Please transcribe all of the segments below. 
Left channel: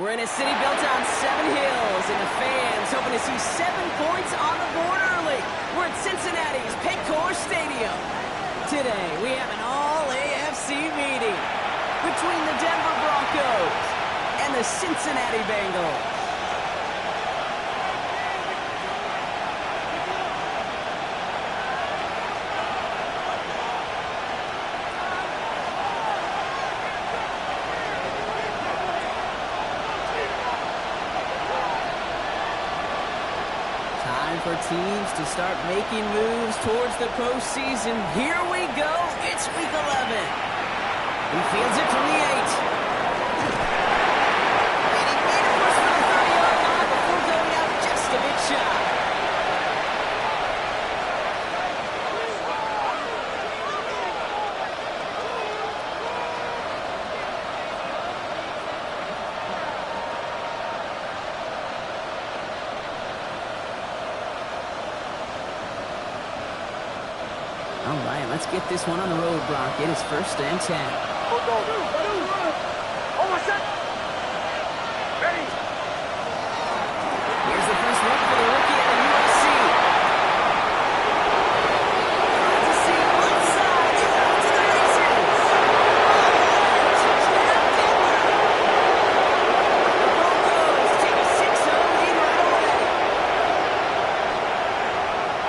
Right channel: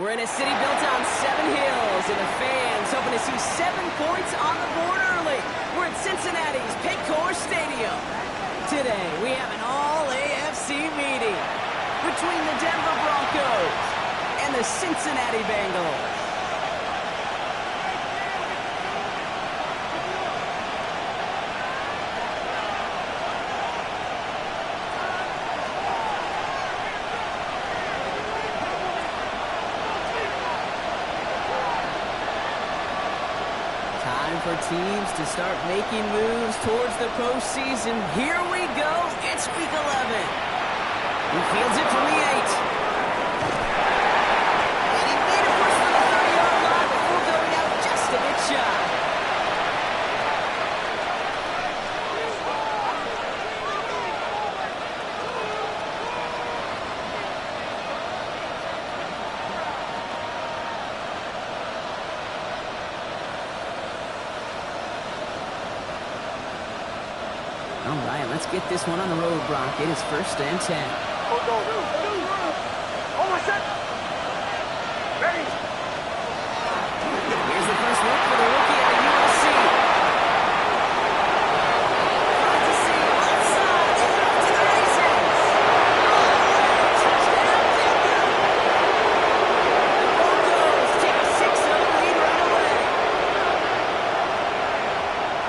We're in a city built on 7 hills, and the fans hoping to see 7 points on the board early. We're at Cincinnati's Paycor Stadium. Today, we have an all-AFC meeting between the Denver Broncos and the Cincinnati Bengals. Time for teams to start making moves towards the postseason. Here we go. It's Week 11. He fields it from the 8. And he made a push for the 30-yard line before going out just a bit shy. All right, let's get this one on the road, Brock. It is 1st and 10. Almost set. Ready. Here's the first look for the rookie out of USC. Trying to see left side. He's off to the races. Oh, touchdown, Denver. The Broncos take a 6-0 lead right away.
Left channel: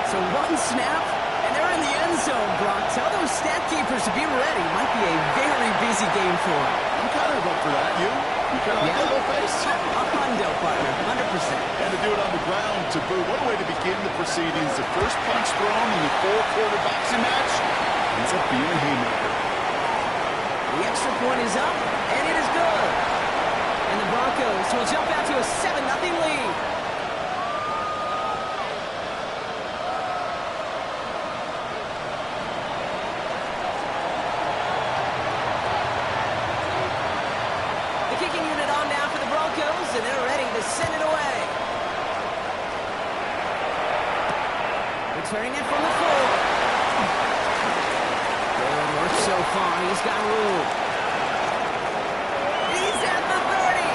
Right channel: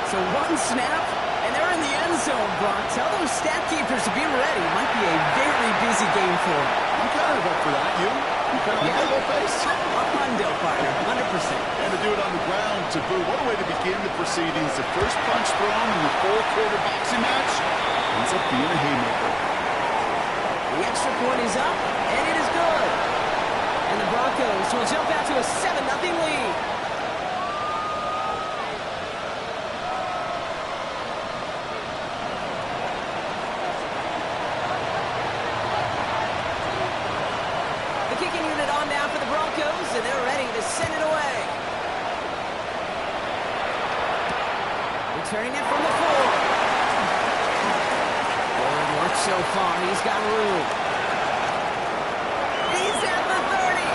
So one snap. And they're in the end zone, Brock. Tell those stat keepers to be ready. Might be a very busy game for them. I'm kind of up for that. You kind of like that little face? A hundo, partner. 100%. And to do it on the ground, to boot. What a way to begin the proceedings. The first punch thrown in the 4-quarter boxing match ends up being a haymaker. The extra point is up, and it is good. And the Broncos will jump out to a 7-0 lead. Kicking unit on now for the Broncos, and they're ready to send it away. Returning it from the 4. Good work so far. He's got room. He's at the 30.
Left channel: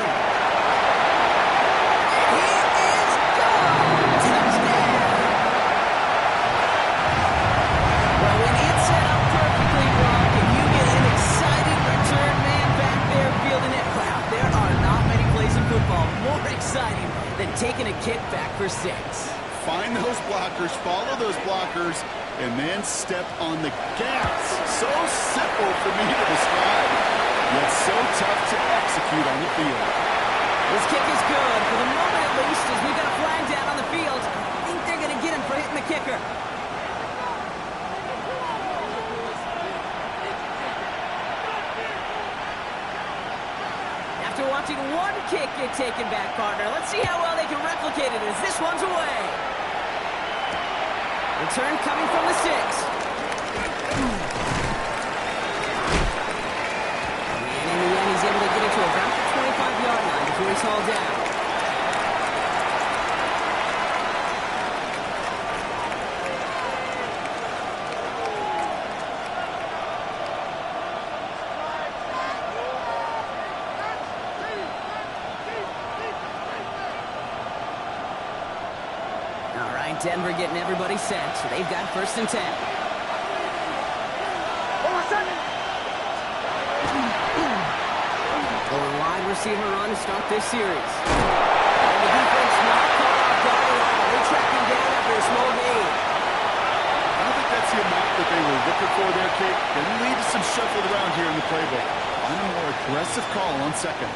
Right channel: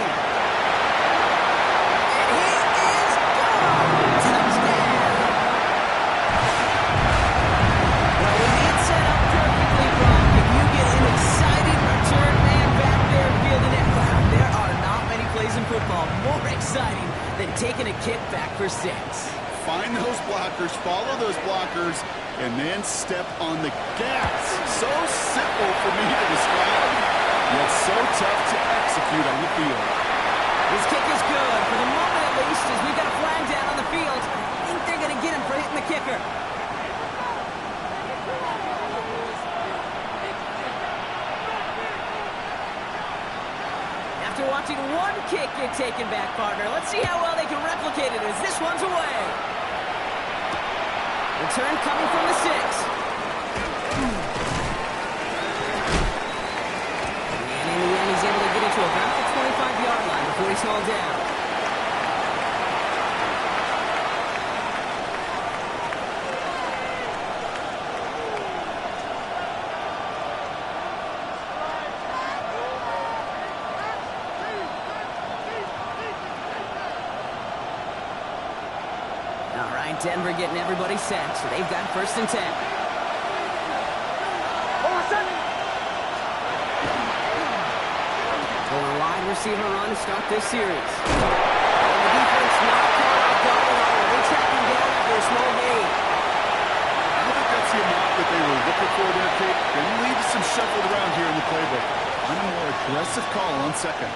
And he is gone. Touchdown. Well, when it's set up perfectly, Brock, and you get an exciting return man back there fielding it, wow, there are not many plays in football more exciting than taking a kick back for 6. Find those blockers, follow those blockers, and then step on the gas. So simple for me to describe, yet so tough to execute on the field. This kick is good, for the moment at least, as we've got a flag down on the field. I think they're going to get him for hitting the kicker. After watching one kick get taken back, partner, let's see how well they can replicate it as this one's away. Return coming from the 6. And in the end, he's able to get it to about the 25-yard line before he's hauled down. All right, Denver getting everybody set. So they've got 1st and 10. Going wide receiver run to start this series. And the defense not caught off guard at all. They track him down after a small gain. I don't think that's the amount that they were looking for there, Kate. Going to lead to some shuffled around here in the playbook. Find a more aggressive call on 2nd.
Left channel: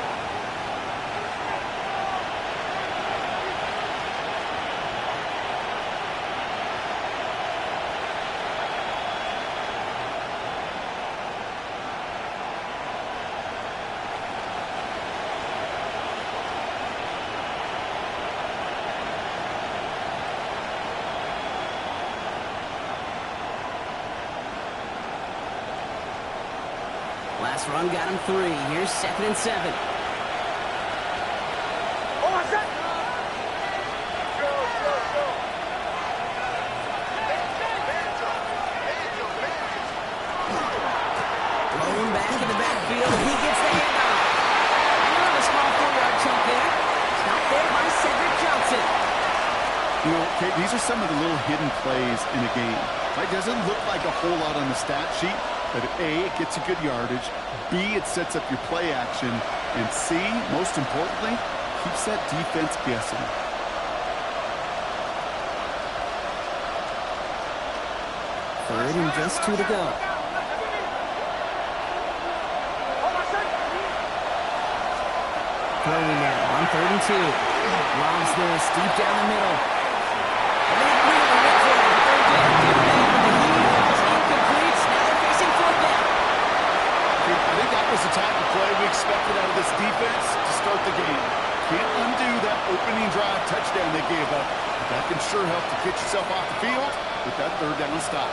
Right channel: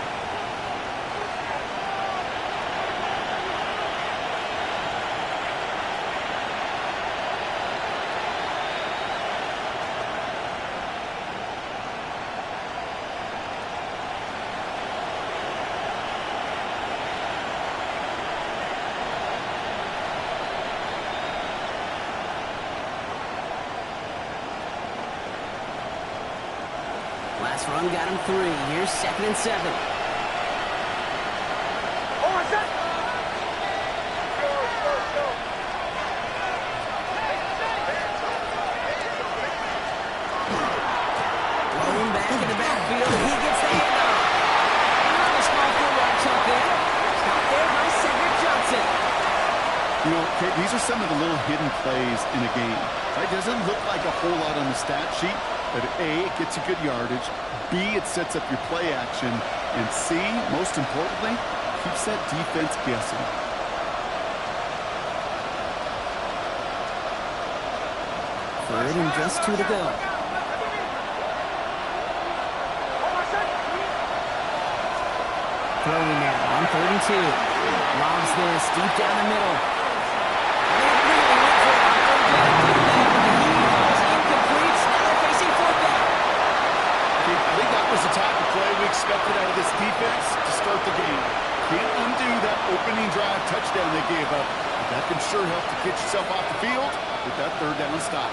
Last run got him 3. Here's 2nd and 7. Blown back in the backfield. He gets the handoff. And on a small 4-yard chunk You know, Kate, these are some of the little hidden plays in a game. Right? It doesn't look like a whole lot on the stat sheet, but A, it gets you good yardage, B, it sets up your play action, and C, most importantly, keeps that defense guessing. Third and just 2 to go. Throwing now on 3rd and 2. Lobs this deep down the middle. And they really went for it on 3rd down. Didn't they? But the heave falls incomplete. Now they're facing 4th down. I think that was the type of play we expected out of this defense to start the game. Can't undo that opening drive touchdown they gave up. But that can sure help to get yourself off the field with that 3rd down stop.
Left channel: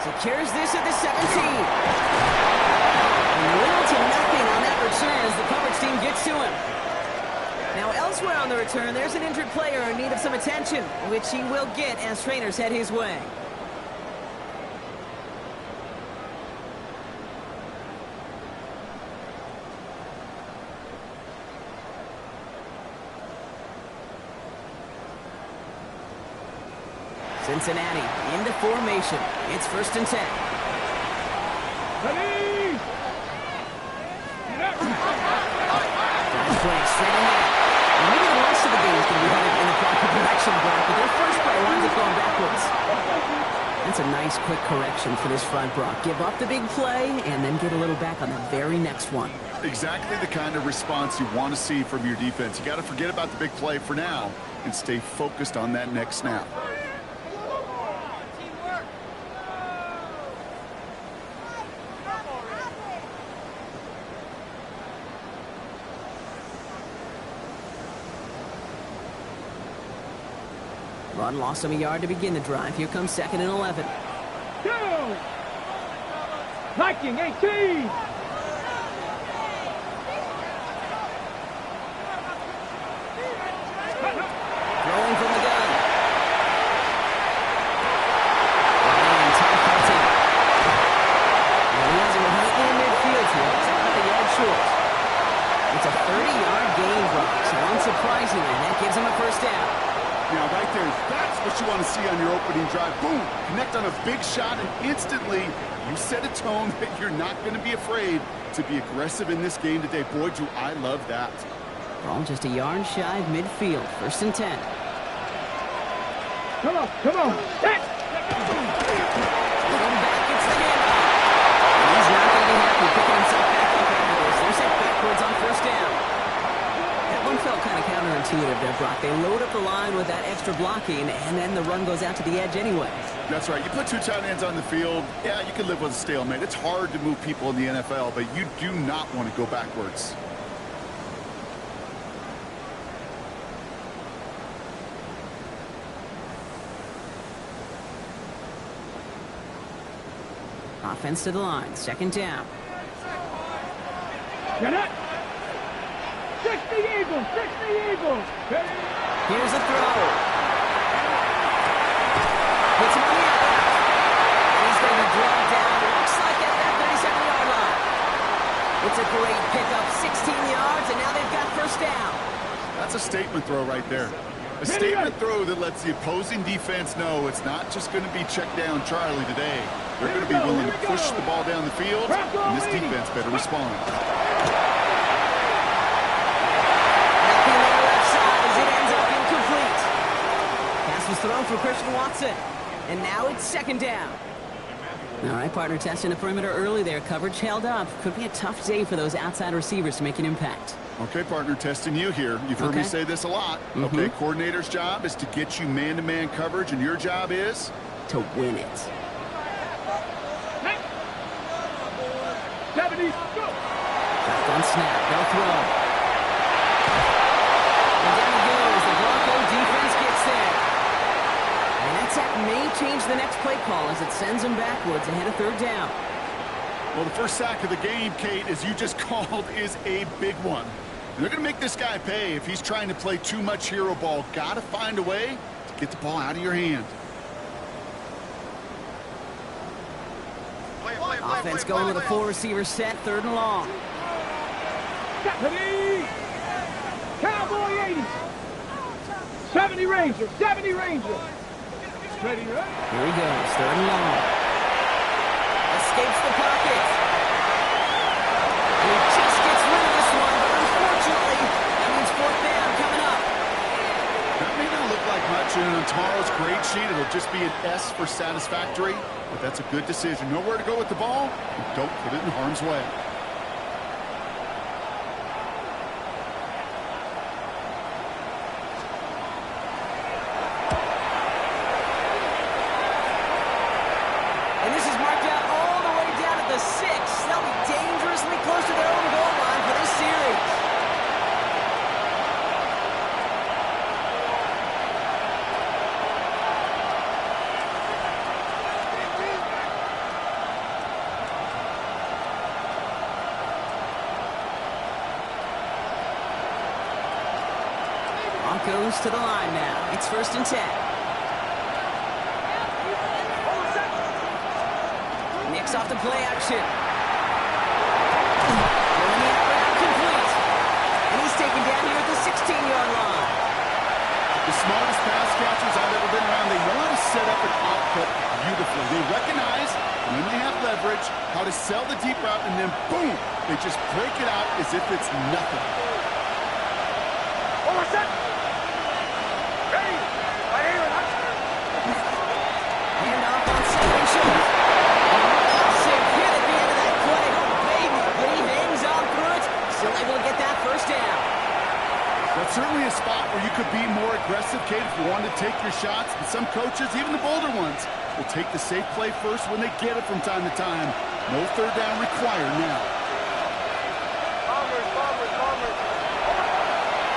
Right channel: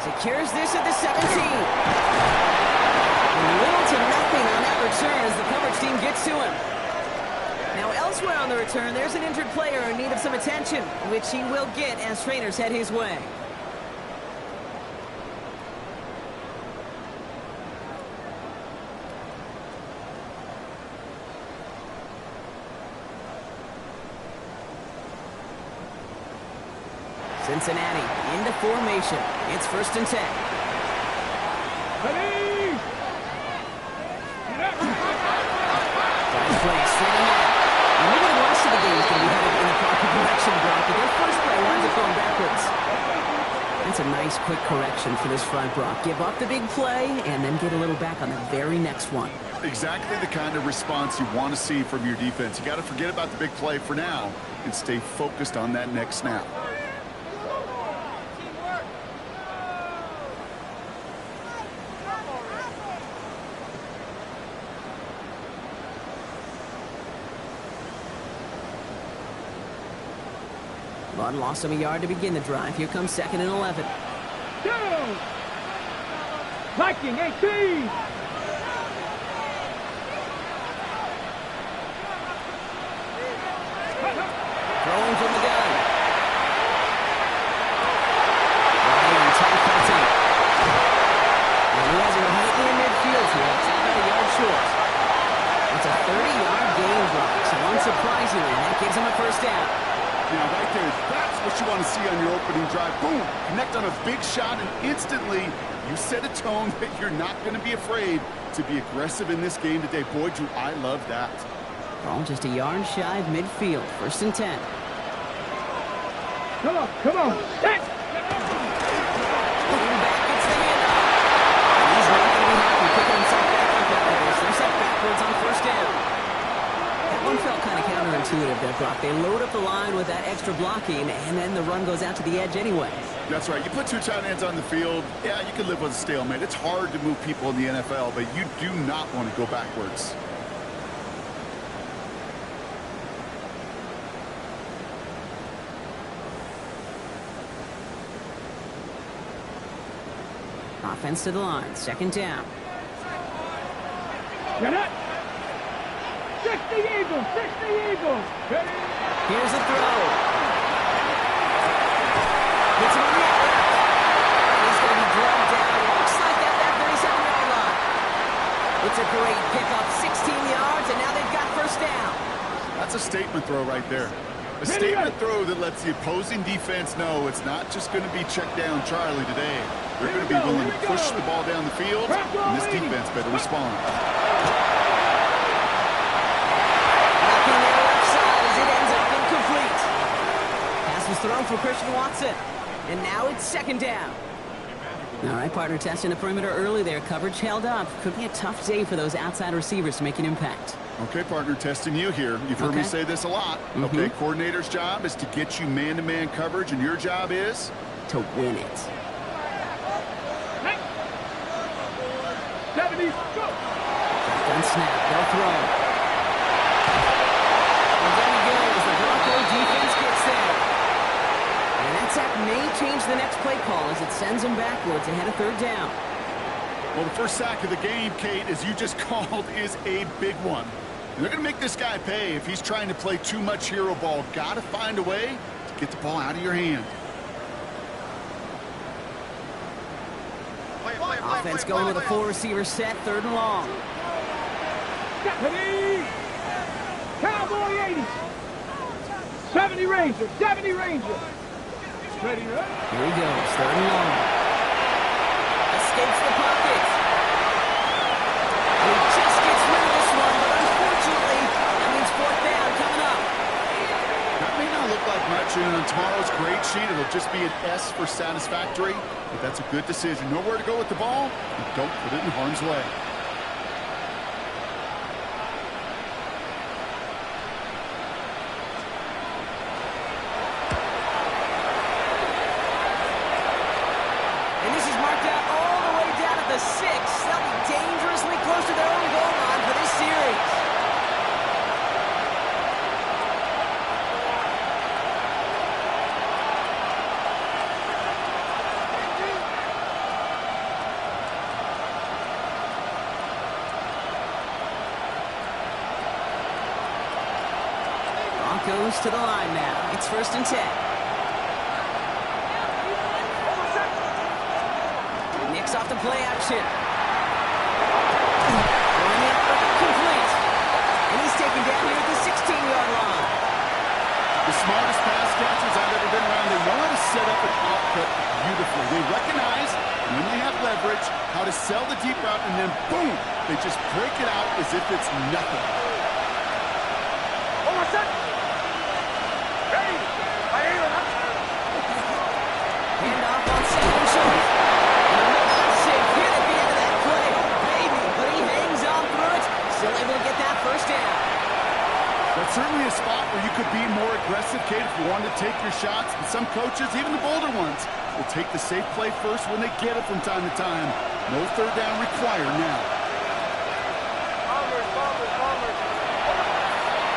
Secures this at the 17. And little to nothing on that return as the coverage team gets to him. Now elsewhere on the return, there's an injured player in need of some attention, which he will get as trainers head his way. Cincinnati into formation. It's 1st and 10. Dive play straight in there. And maybe the rest of the game is going to be headed in the proper direction, Brock, but their first play winds up going backwards. That's a nice quick correction for this front, Brock. Give up the big play and then get a little back on the very next one. Exactly the kind of response you want to see from your defense. You got to forget about the big play for now and stay focused on that next snap. Run lost him a yard to begin the drive. Here comes 2nd and 11. Down! Viking 18! Throwing from the gun. Ryan tight-cutting. And he has it right near midfield here. It's about a yard short. It's a 30-yard gain, Brock. So unsurprisingly, that gives him a 1st down. Now, right there, that's what you want to see on your opening drive. Boom! Connect on a big shot, and instantly you set a tone that you're not going to be afraid to be aggressive in this game today. Boy, do I love that. Ball just a yard shy of midfield. 1st and 10. Come on, come on! Set! Looking back, gets the handoff. And he's not going to be happy picking himself back up after this. They're set backwards on 1st down. That one felt kind of counterintuitive there, Brock. They load up the line with that extra blocking, and then the run goes out to the edge anyway. That's right. You put 2 tight ends on the field, yeah, you can live with a stalemate. It's hard to move people in the NFL, but you do not want to go backwards. Offense to the line. 2nd down. Get it! 60 Eagles! 60 Eagles! Here's the throw. Hits him on the out route. And he's going to be drugged down. Looks like at that 37-yard line. It's a great pickup. 16 yards, and now they've got 1st down. That's a statement throw right there. A statement throw that lets the opposing defense know it's not just going to be check down Charlie today. They're going to be willing to push the ball down the field, and this defense better respond. Nothing there left side as it ends up incomplete. Pass was thrown for Christian Watson, and now it's 2nd down. All right, partner, testing the perimeter early there. Coverage held up. Could be a tough day for those outside receivers to make an impact. Okay, partner, testing you here. You've heard me say this a lot. Okay, coordinator's job is to get you man-to-man coverage, and your job is? To win it. 70, go! Shotgun snap. They'll throw. And down he goes. The Bronco defense gets there. And that sack may change the next play call as it sends them backwards ahead of 3rd down. Well, the first sack of the game, Kate, as you just called, is a big one. And they're going to make this guy pay if he's trying to play too much hero ball. Got to find a way to get the ball out of your hand. Offense going with a 4-receiver set, 3rd and long. 70. Cowboy 80. 70 Ranger. 70 Ranger. Ready, right? Here he goes, 3rd and long. Escapes the pocket. And he just gets rid of this one, but unfortunately, that means 4th down coming up. That may not look like much, and on tomorrow's grade sheet, it'll just be an S for satisfactory, but that's a good decision. Nowhere to go with the ball, and don't put it in harm's way. And this is marked out all the way down at the 6. They'll be dangerously close to their own goal line for this series. Broncos to the line now. It's 1st and 10. Knicks off the play action. Throwing it around complete. And he's taken down here at the 16-yard line. The smartest pass catchers I've ever been around, they know how to set up an output beautifully. They recognize when they have leverage how to sell the deep route, and then boom, they just break it out as if it's nothing. Handoff on 2nd and short. And a massive hit at the end of that play. Oh, baby. But he hangs on through it. Still able to get that 1st down. That's certainly a spot where you could be more aggressive, Kate, if you wanted to take your shots. And some coaches, even the bolder ones, will take the safe play first when they get it from time to time. No 3rd down required now. Bombers.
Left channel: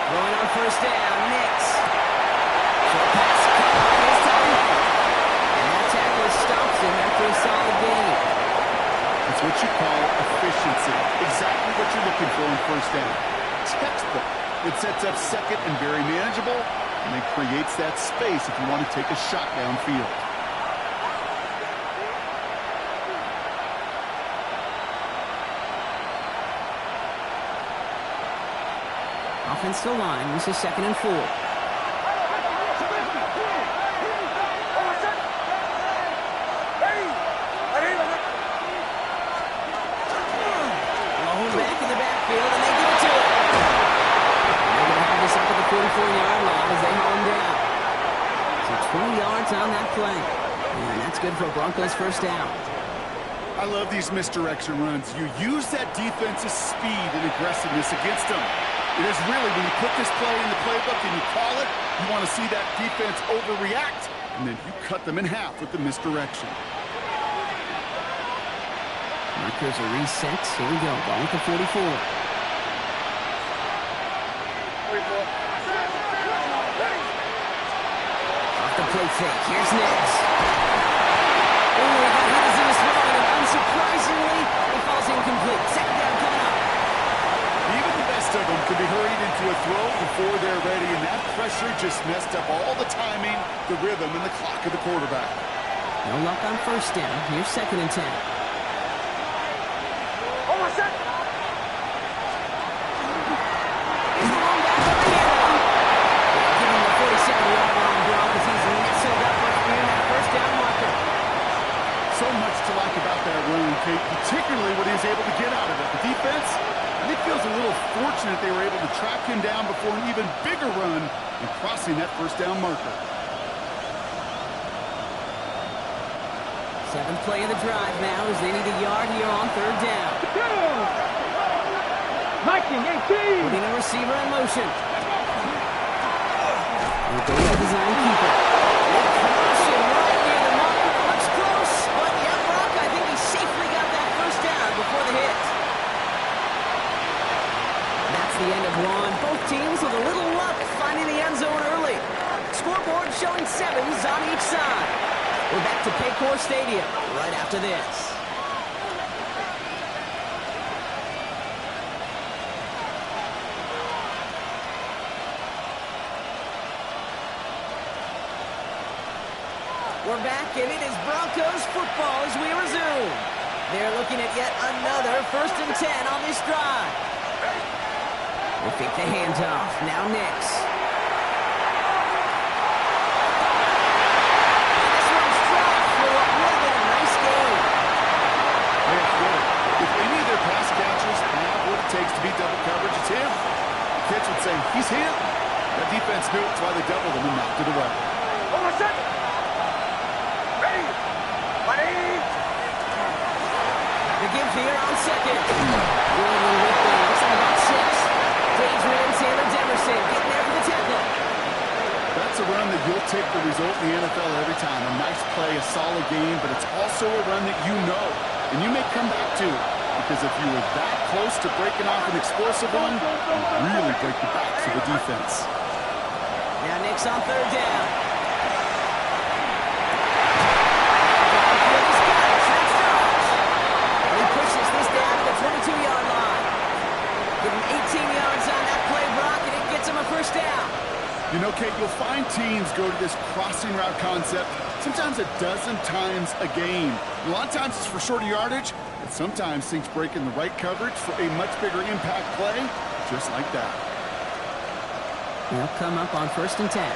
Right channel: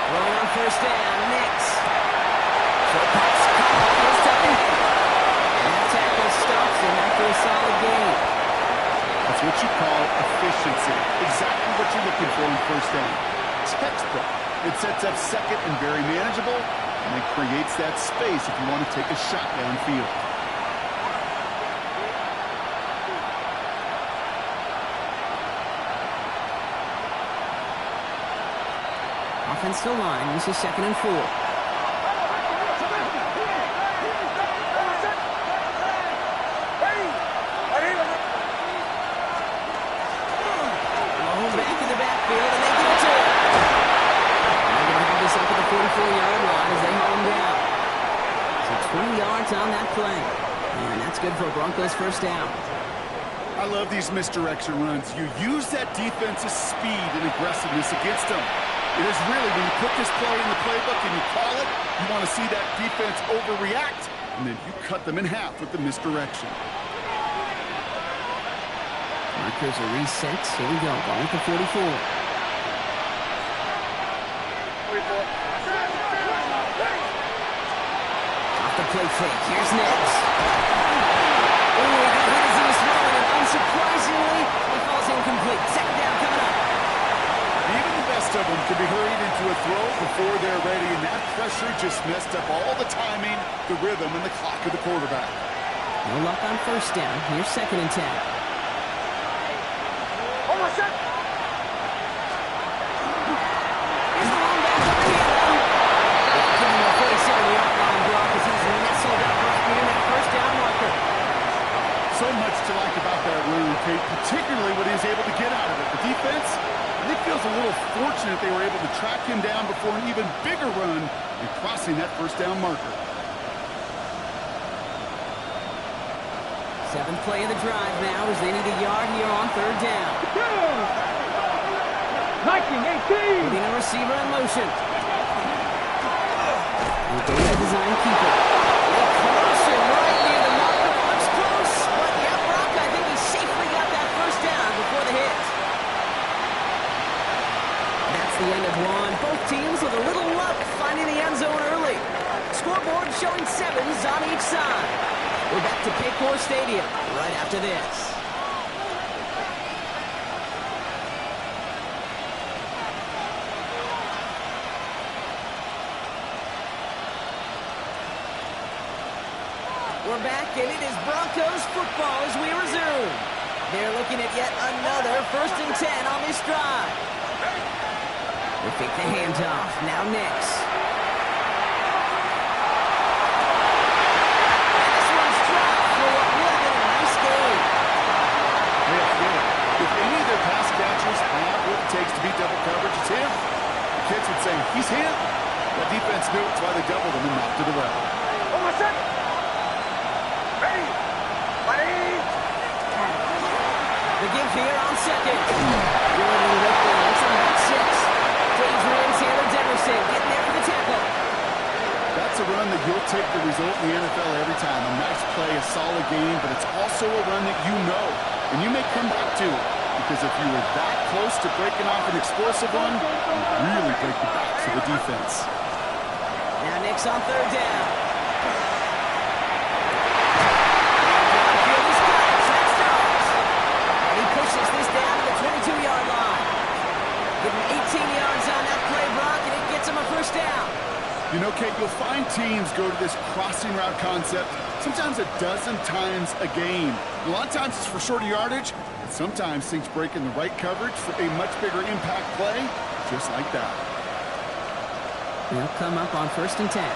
Throwing on 1st down. Knicks. Short pass. Caught off his tight end. And that tackle stops him after a solid gain. That's what you call efficiency. Exactly what you're looking for in 1st down. Textbook. It sets up 2nd and very manageable, and it creates that space if you want to take a shot downfield. Offensive line. This is 2nd and 4. Back in the backfield, and they give it to him. And they're going to have this up at the 44-yard line as they haul him down. So 20 yards on that play. And that's good for a Broncos 1st down. I love these misdirection runs. You use that defense's speed and aggressiveness against them. It is really, when you put this play in the playbook and you call it, you want to see that defense overreact, and then you cut them in half with the misdirection. Markers are reset. Here we go. Ball at the 44. Off the play fake. Here's Nix. Oh, he got hit as he was throwing, and unsurprisingly, he falls incomplete. 2nd down coming up. Even the best of them can be hurried into a throw before they're ready, and that pressure just messed up all the timing, the rhythm, and the clock of the quarterback. No luck on 1st down. Here's 2nd and 10. Here's the long back of the handoff. Give him the 47-yard line, Brock, as he's nestled up right near that 1st down marker. So much to like about that run, Kate, particularly what he was able to get out of it. The defense, I think, feels a little fortunate they were able to track him down before an even bigger run and crossing that 1st down marker. 7th play of the drive now as they need a yard here on 3rd down. Viking 18. Putting a receiver in motion. With the well-designed keeper. They cross him right near the marker. It looks close, but yeah, Brock, I think he safely got that 1st down before the hit. That's the end of one. Both teams with a little luck finding the end zone early. Scoreboard showing 7s on each side. We're back to Paycor Stadium right after this. We're back, and it is Broncos football as we resume. They're looking at yet another 1st and 10 on this drive. They fake the handoff. Now Nix. And this one's dropped for what would have been a nice game. Yeah, get it. If any of their pass catchers have what it takes to beat double coverage, it's him. The kids would say, he's him. That defense knew it's why they doubled him and knocked it away. Hold on a second. Ready. Ready. The give here on second. Good with there. Looks like about 6. Adrian Taylor-Demerson getting there for the tackle. That's a run that you'll take the result in the NFL every time. A nice play, a solid game, but it's also a run that you know, and you may come back to. Because if you were that close to breaking off an explosive one, you really break the backs of the defense. Now Nix on third down. He's got it. Track starts. And he pushes this down to the 22-yard line. Give him 18 yards on that play, Brock, and it gets him a first down. You know, Kate, you'll find teams go to this crossing route concept sometimes a dozen times a game. A lot of times it's for shorter yardage, but sometimes things break in the right coverage for a much bigger impact play, just like that. They'll come up on 1st and 10.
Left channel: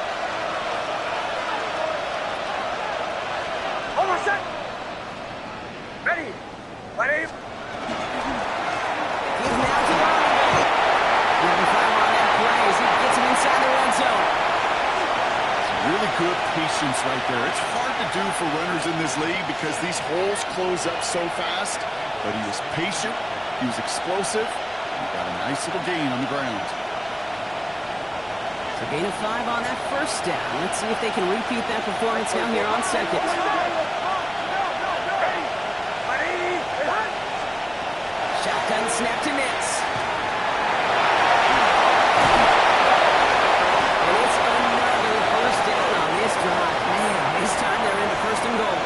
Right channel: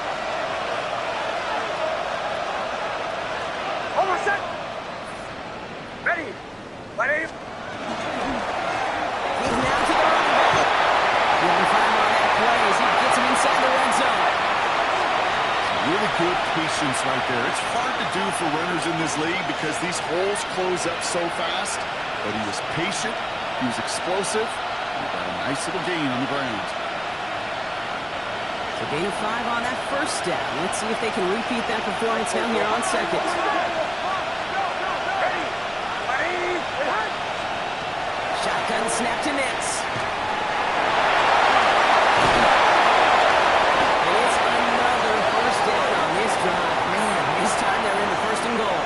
Hold on a sec. Ready. Ready. He's now to the running back. Give him 5 on that play as he gets him inside the red zone. Really good patience right there. It's hard to do for runners in this league because these holes close up so fast. But he was patient, he was explosive, and he got a nice little gain on the ground. So gain of 5 on that first down. Let's see if they can repeat that performance now here on second. Ready. Ready. Shotgun snap to Nix. And it's another first down on this drive. Man, this time they're into 1st and goal.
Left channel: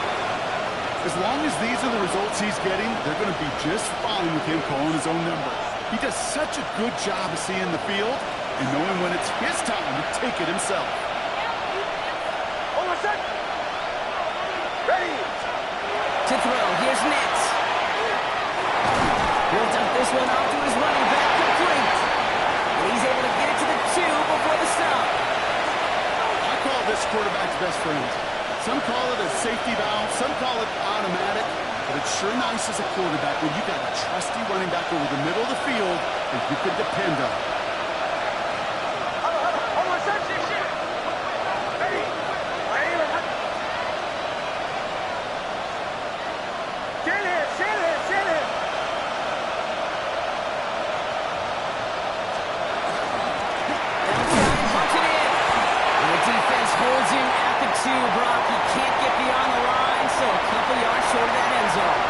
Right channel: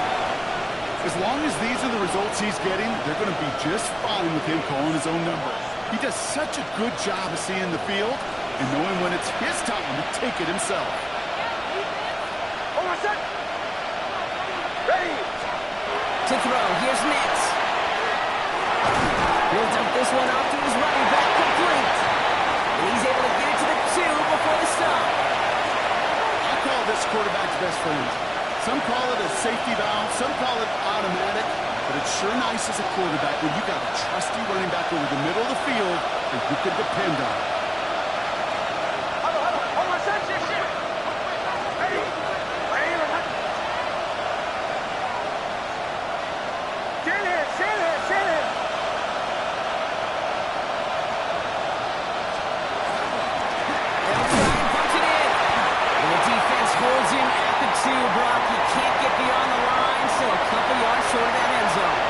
As long as these are the results he's getting, they're going to be just fine with him calling his own number. He does such a good job of seeing the field and knowing when it's his time to take it himself. Hold on a sec. Ready. To throw, here's Nix. He'll dump this one off to his running back, complete. And he's able to get it to the 2 before the stop. I call this quarterback's best friend. Some call it a safety valve, some call it automatic, but it's sure nice as a quarterback when you got a trusty running back over the middle of the field that you can depend on. Hold on a sec. Ready. Ready. Stand here. They'll try and punch it in. And the defense holds him at the 2, Brock. He can't get beyond the line, so a couple yards short of that end zone.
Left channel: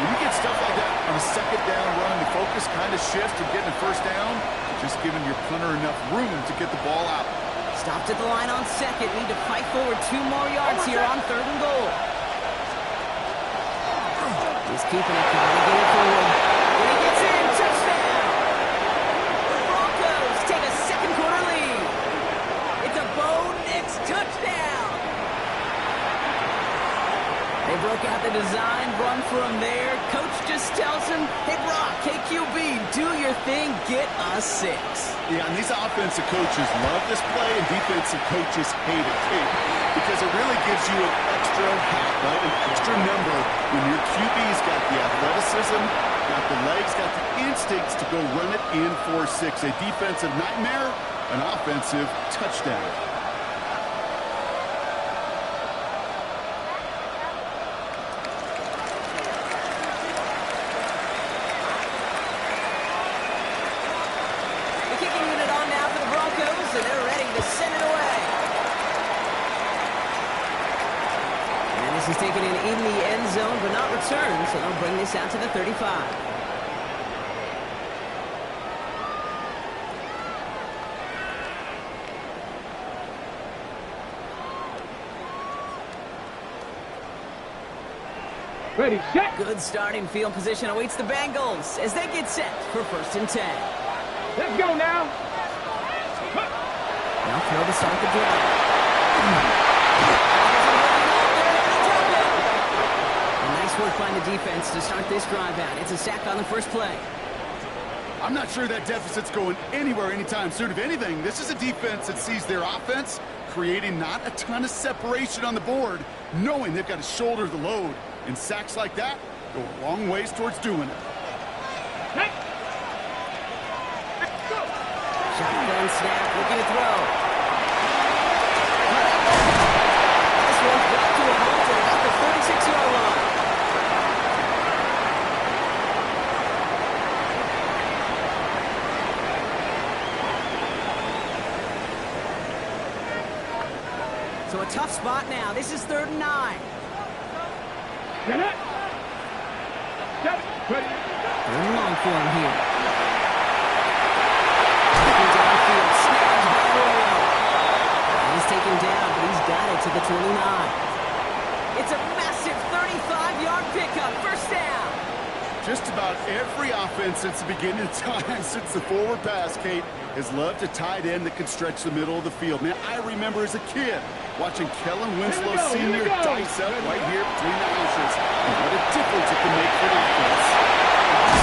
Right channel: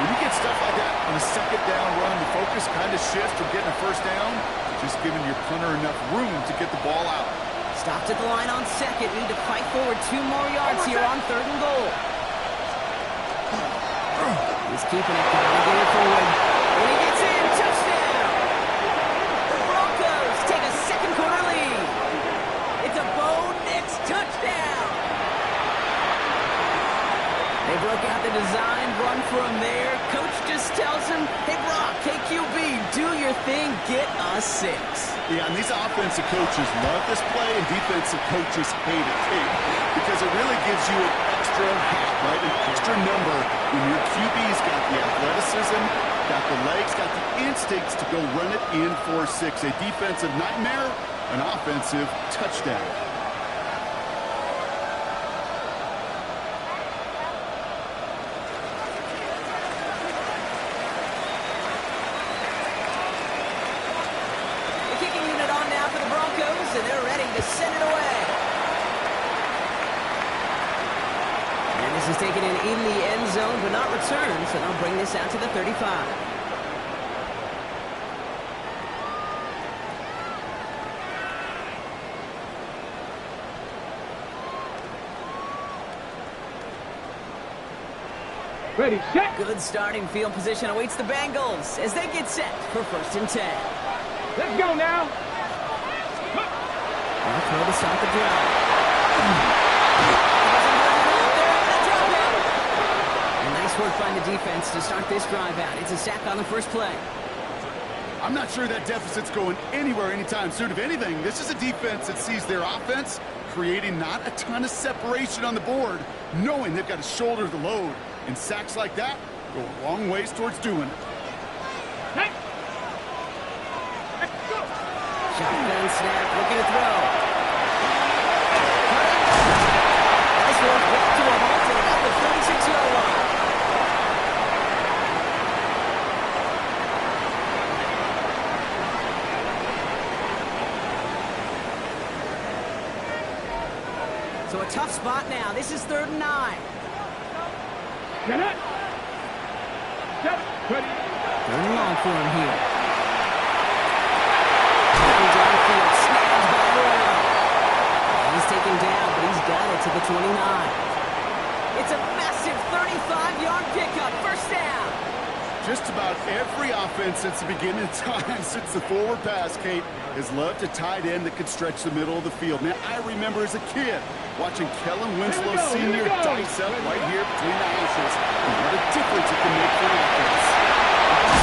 When you get stuff like that on a second down run, the focus kind of shifts from getting a first down to just giving your punter enough room to get the ball out. Stopped at the line on second. Need to fight forward 2 more yards here on 3rd and goal. He's keeping it, trying to get it forward. When he gets in, touchdown! The Broncos take a second-quarter lead. It's a Bo Nix touchdown! They broke out the design run from there. Coach just tells him, hey, Brock, KQB, do your thing, get us 6. Yeah, and these offensive coaches love this play, and defensive coaches hate it, too, because it really gives you an extra hat, right, an extra number when your QB's got the athleticism, got the legs, got the instincts to go run it in for 6. A defensive nightmare, an offensive touchdown. The kicking unit on now for the Broncos, and they're ready to send it away. And this is taken in the end zone, but not returned, so they'll bring this out to the 35. Ready, set. Good starting field position awaits the Bengals as they get set for 1st and 10. Let's go now. They'll throw to start the drive. And nice work by the defense to start this drive out. It's a sack on the first play. I'm not sure that deficit's going anywhere anytime soon. If anything, this is a defense that sees their offense creating not a ton of separation on the board, knowing they've got to shoulder the load. And sacks like that go a long ways towards doing it. Hey. Shotgun snap, looking to throw. This one's brought to a halt at about the 36-yard line. So a tough spot now. This is 3rd and 9. Get it. Ready. 3rd and long for him here. Taken downfield, snagged by Royal. He's taken down, but he's got it to the 29. It's a massive 35-yard pickup. First down. Just about every offense since the beginning of time, since the forward pass, Kate, has loved a tight end that can stretch the middle of the field. Man, I remember as a kid watching Kellen Winslow Sr. dice up right here between the hashes. And what a difference it can make for an offense.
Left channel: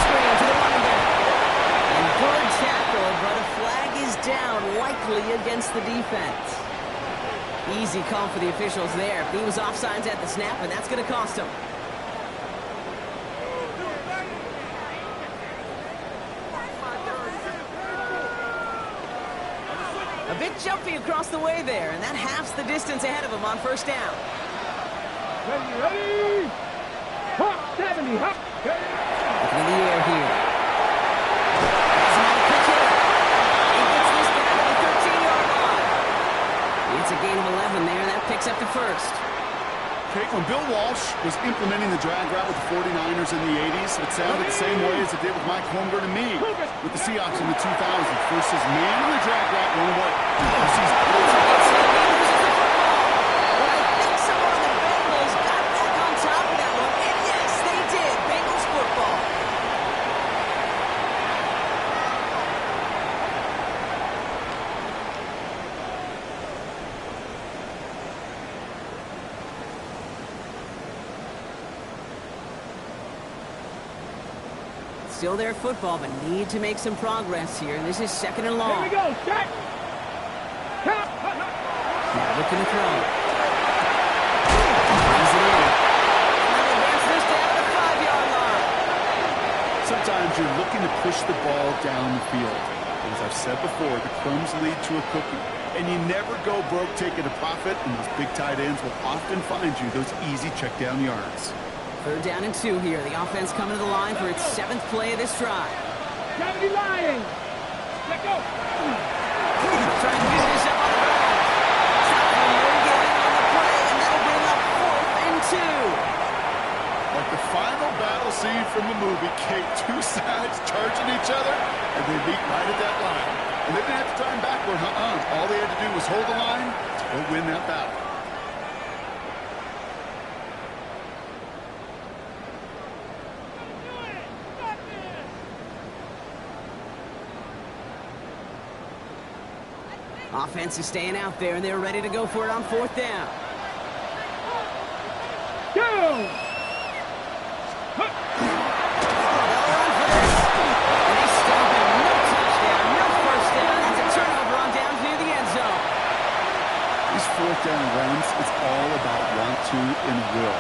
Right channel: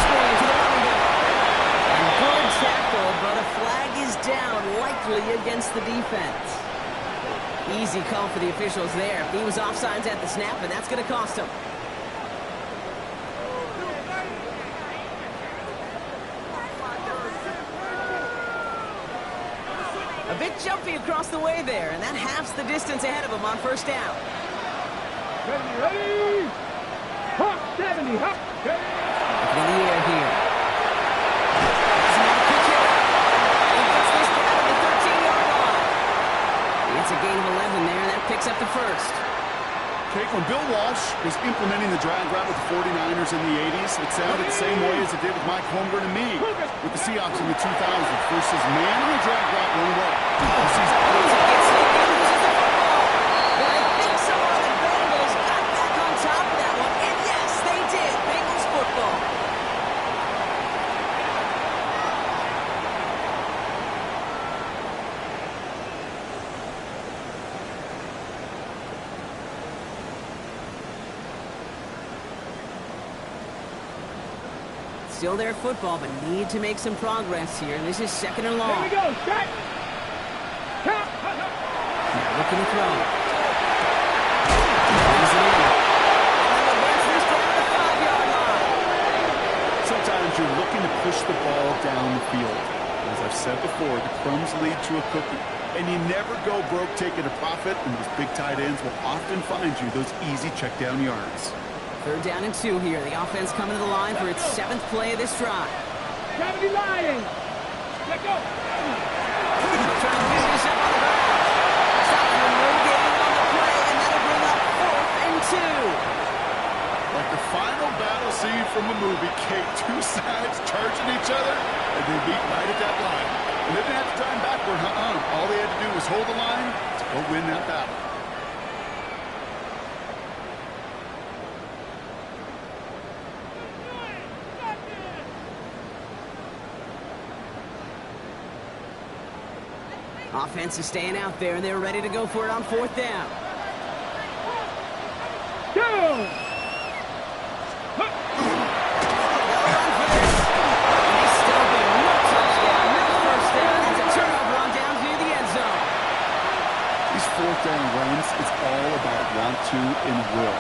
Screen to the running back. And good tackle, but a flag is down, likely against the defense. Easy call for the officials there. He was offsides at the snap, and that's going to cost him. A bit jumpy across the way there, and that halves the distance ahead of him on first down. Ready. Hop, 70, hop. Looking in the air here. That's another quick hitter. He gets this down to the 13-yard line. It's a gain of 11 there, and that picks up the first. Kate, when Bill Walsh was implementing the drag route with the 49ers in the 80s, it sounded the same way as it did with Mike Holmgren and me with the Seahawks in the 2000s. Versus man on the drag route, one way. Gets hit, he loses the football. But I think someone on the Bengals got back on top of that one. And yes, they did. Bengals football. Still their football, but need to make some progress here. And this is 2nd and long. Here we go, set. Count. Now looking to throw. Brings it in. And they'll advance this down to the 5-yard line. Sometimes you're looking to push the ball down the field. As I've said before, the crumbs lead to a cookie. And you never go broke taking a profit, and those big tight ends will often find you those easy check down yards. 3rd down and 2 here. The offense coming to the line for its 7th play of this drive. 70 Lions. Let go. Trying to get this up on the ground. Stop from getting on the play, and that'll bring up 4th and 2. Like the final battle scene from a movie, Kate, two sides charging each other, and they meet right at that line. And they didn't have to drive backward, All they had to do was hold the line to go win that battle. Offense is staying out there, and they're ready to go for it on 4th down. Go. They'll run for this. And they stop him. No touchdown, no first down. That's a turnover on downs near the end zone. These 4th down runs, it's all about want to and will.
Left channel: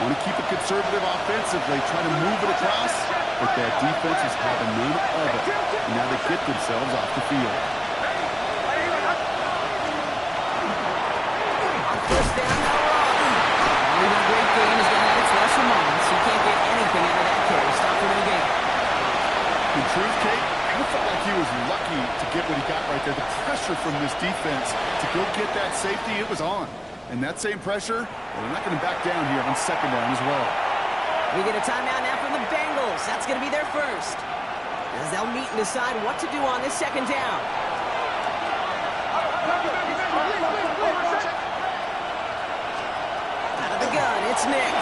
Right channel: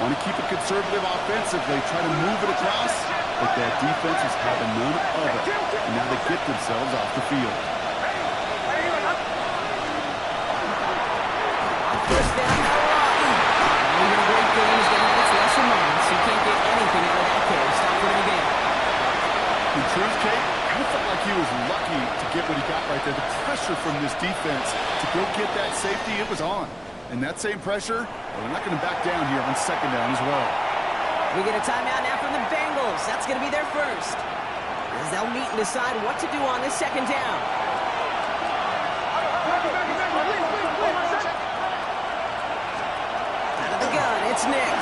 Want to keep it conservative offensively, try to move it across, but that defense is having none of it. And now they get themselves off the field. First down, now we're on. Even a great game is going to have its lesser moments. You can't get anything out of that carry. Stop for the game. In truth, Kate, I felt like he was lucky to get what he got right there. The pressure from this defense to go get that safety, it was on. And that same pressure, well, they're not going to back down here on 2nd down as well. We get a timeout now from the Bengals. That's going to be their first. As they'll meet and decide what to do on this 2nd down. Gun, it's Nix. Big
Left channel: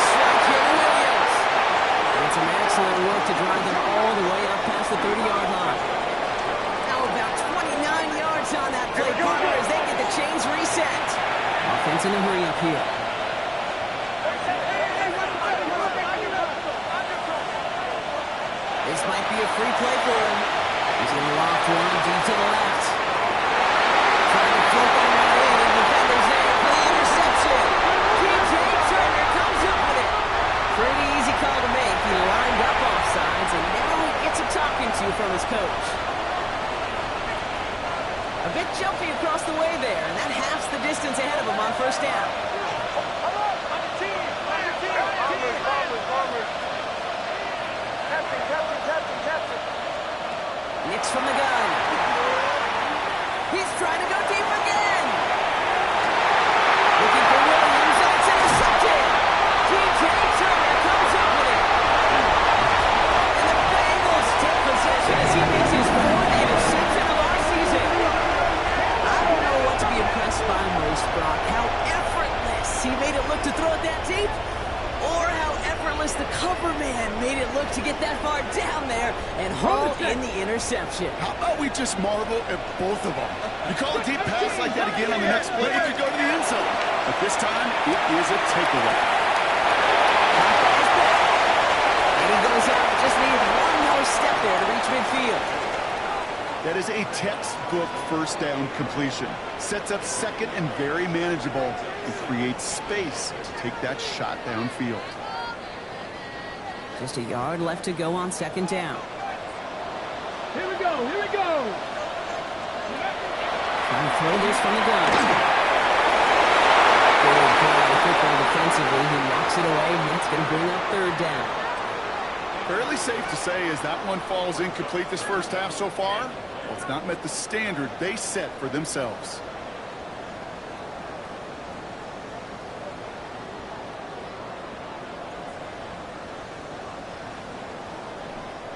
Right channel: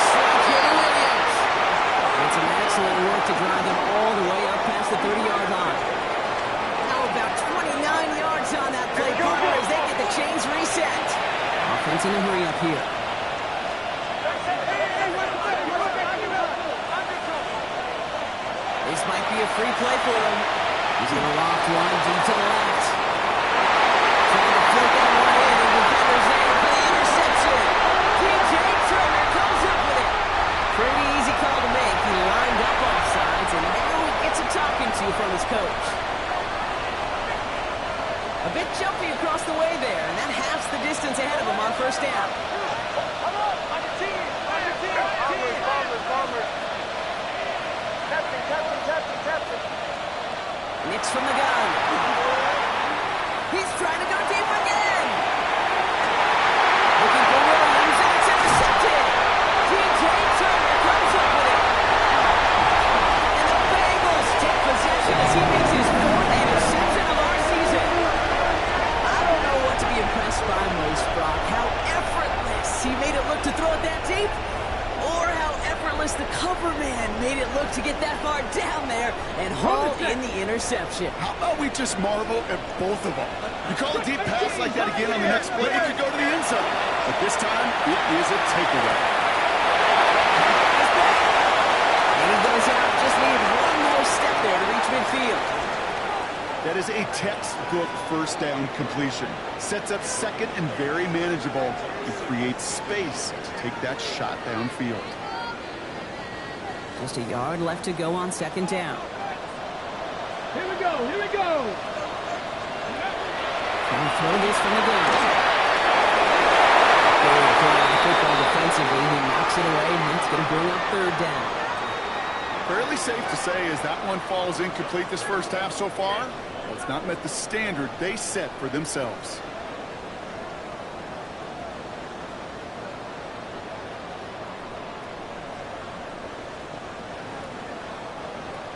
strike here to Williams. And some excellent work to drive them all the way up past the 30-yard line. Now about 29 yards on that play, partner, as they get the chains reset. Offense in a hurry up here. This might be a free play for him. He's going to loft one deep to the left. Trying to flip that one in, and defender's there for the interception. T.J. Turner comes up with it. Pretty easy call to make. He lined up offsides, and now he gets a talking to from his coach. A bit jumpy across the way there, and that halves the distance ahead of him on first down. Come on your team! On your team! Bombers! Captain! Nicks from the gun. He's trying to go deep again. Looking for Williams, and it's intercepted. T.J. Turner comes up with it. And the Bengals take possession as he makes his 4th interception of our season. I don't know what to be impressed by most, Brock. How effortless he made it look to throw it that deep, or how effortless the cover man made it look to get that far down there and haul in the interception. How about we just marvel at both of them? You call a deep pass like that again on the next play, it could go to the end zone. But this time, it is a takeaway. He's back. And he goes out, just needed one more step there to reach midfield. That is a textbook first down completion. Sets up second and very manageable and creates space to take that shot downfield. Just a yard left to go on second down. Here we go! Trying to throw this from the gun. Good play on the football defensively. He knocks it away, and it's going to bring up third down. Fairly safe to say as that one falls incomplete this first half so far. Well, it's not met the standard they set for themselves.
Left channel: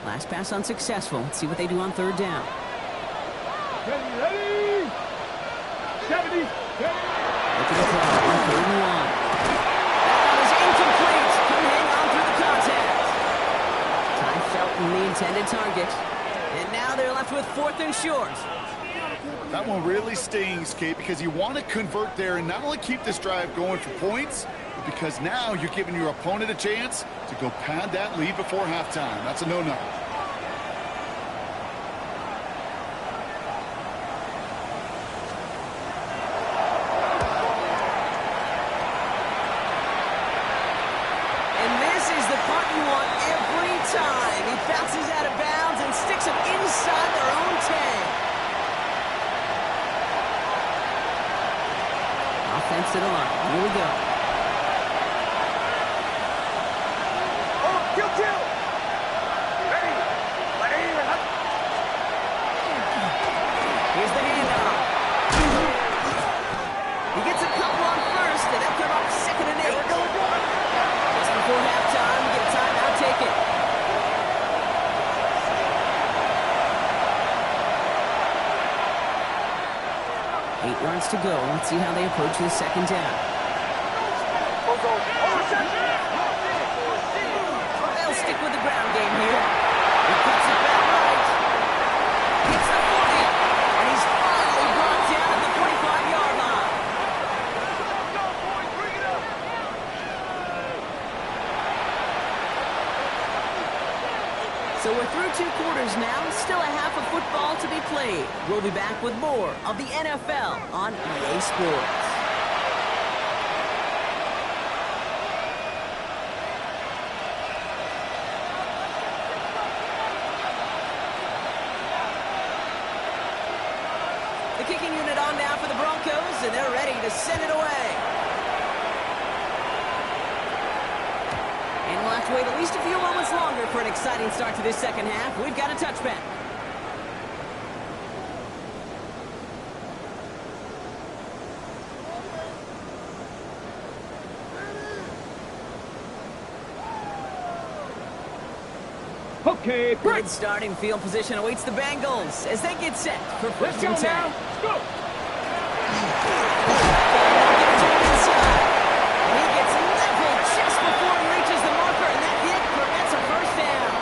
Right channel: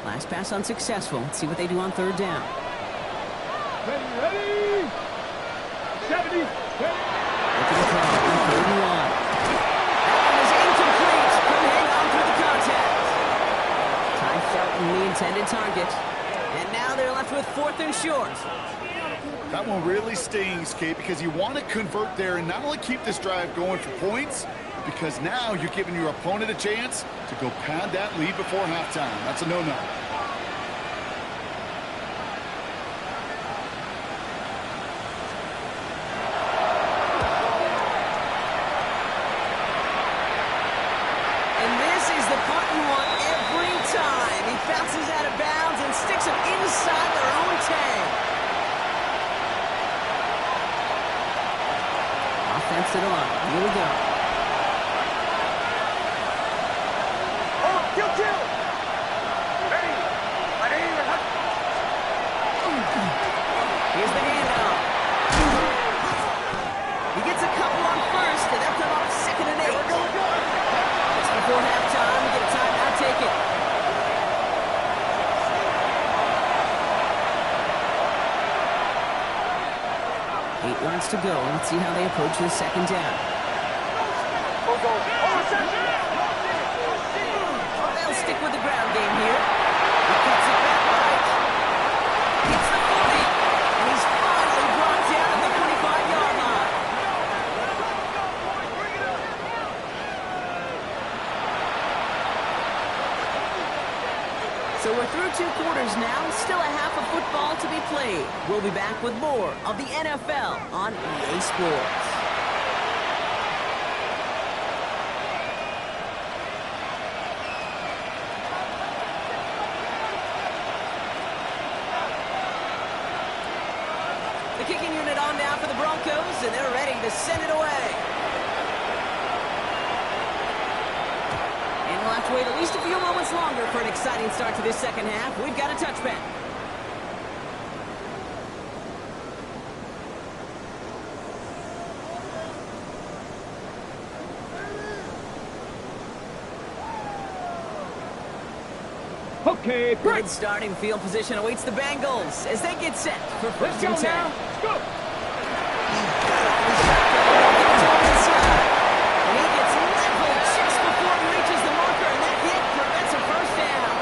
Last pass unsuccessful. Let's see what they do on third down. Ready! 70! Look at the throw on 3rd and 1. That one is incomplete. Couldn't hang on through the contact. Ty Felton, the intended target. And now they're left with 4th and short. That one really stings, Kate, because you want to convert there and not only keep this drive going for points, but because now you're giving your opponent a chance to go pad that lead before halftime. That's a no-no. And this is the punt you want every time. He bounces out of bounds and sticks them inside their own 10. Offense to the line. Here we go. Kill! Ready! Here's the handoff. He gets a couple on first, and they'll come up 2nd and 8. Just before halftime, we get a timeout taken. Eight yards to go. Let's see how they approach this second down. They'll stick with the ground game here. He cuts it back right. Hits the 40. And he's finally brought down at the 45-yard line. So we're through 2 quarters now. Still a half of football to be played. We'll be back with more of the NFL on EA Sports. The kicking unit on now for the Broncos, and they're ready to send it away. And we'll have to wait at least a few moments longer for an exciting start to this second half. We've got a touchback. Okay, Good starting field position awaits the Bengals as they get set for first and 10. Let's go! And he gets leveled just before he reaches the marker, and that hit prevents a first down.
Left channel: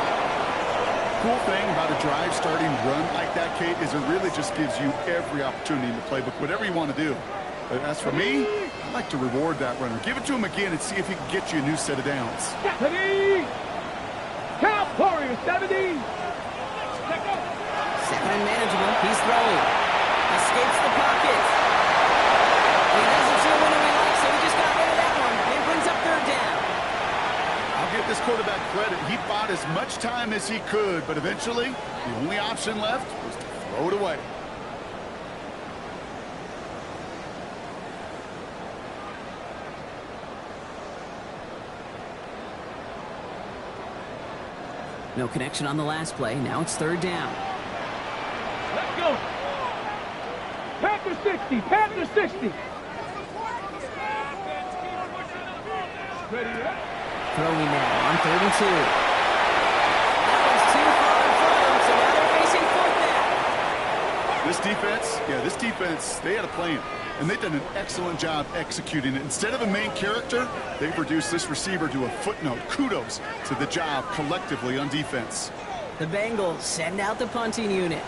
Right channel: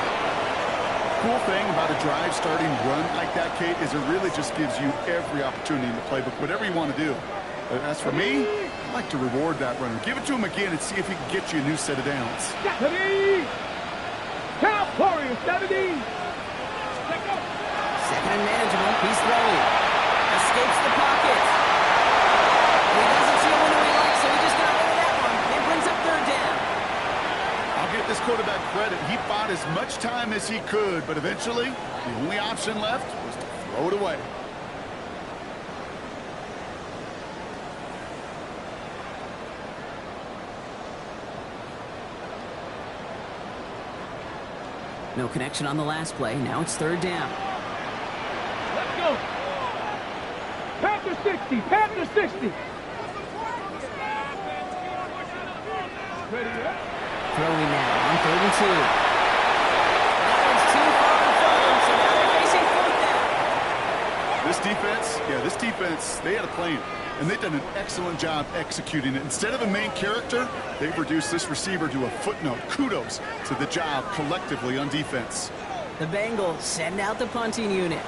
Cool thing about a drive starting run like that, Kate, is it really just gives you every opportunity in the playbook, whatever you want to do. But as for me, I like to reward that runner. Give it to him again and see if he can get you a new set of downs. Ready! Count Warriors, 70. Second and manageable. He's throwing. Escapes the pocket. And he doesn't see a window he likes, so he just got rid of that one. It brings up third down. I'll give this quarterback credit. He bought as much time as he could, but eventually, the only option left was to throw it away. No connection on the last play. Now it's third down. Let's go. Panther 60. Panther 60. Ready up. Throwing now on 3rd and 2. That one's too far in front of them, so now they're facing 4th down. This defense, they had a plan, and they've done an excellent job executing it. Instead of a main character, they've reduced this receiver to a footnote. Kudos to the job collectively on defense. The Bengals send out the punting unit,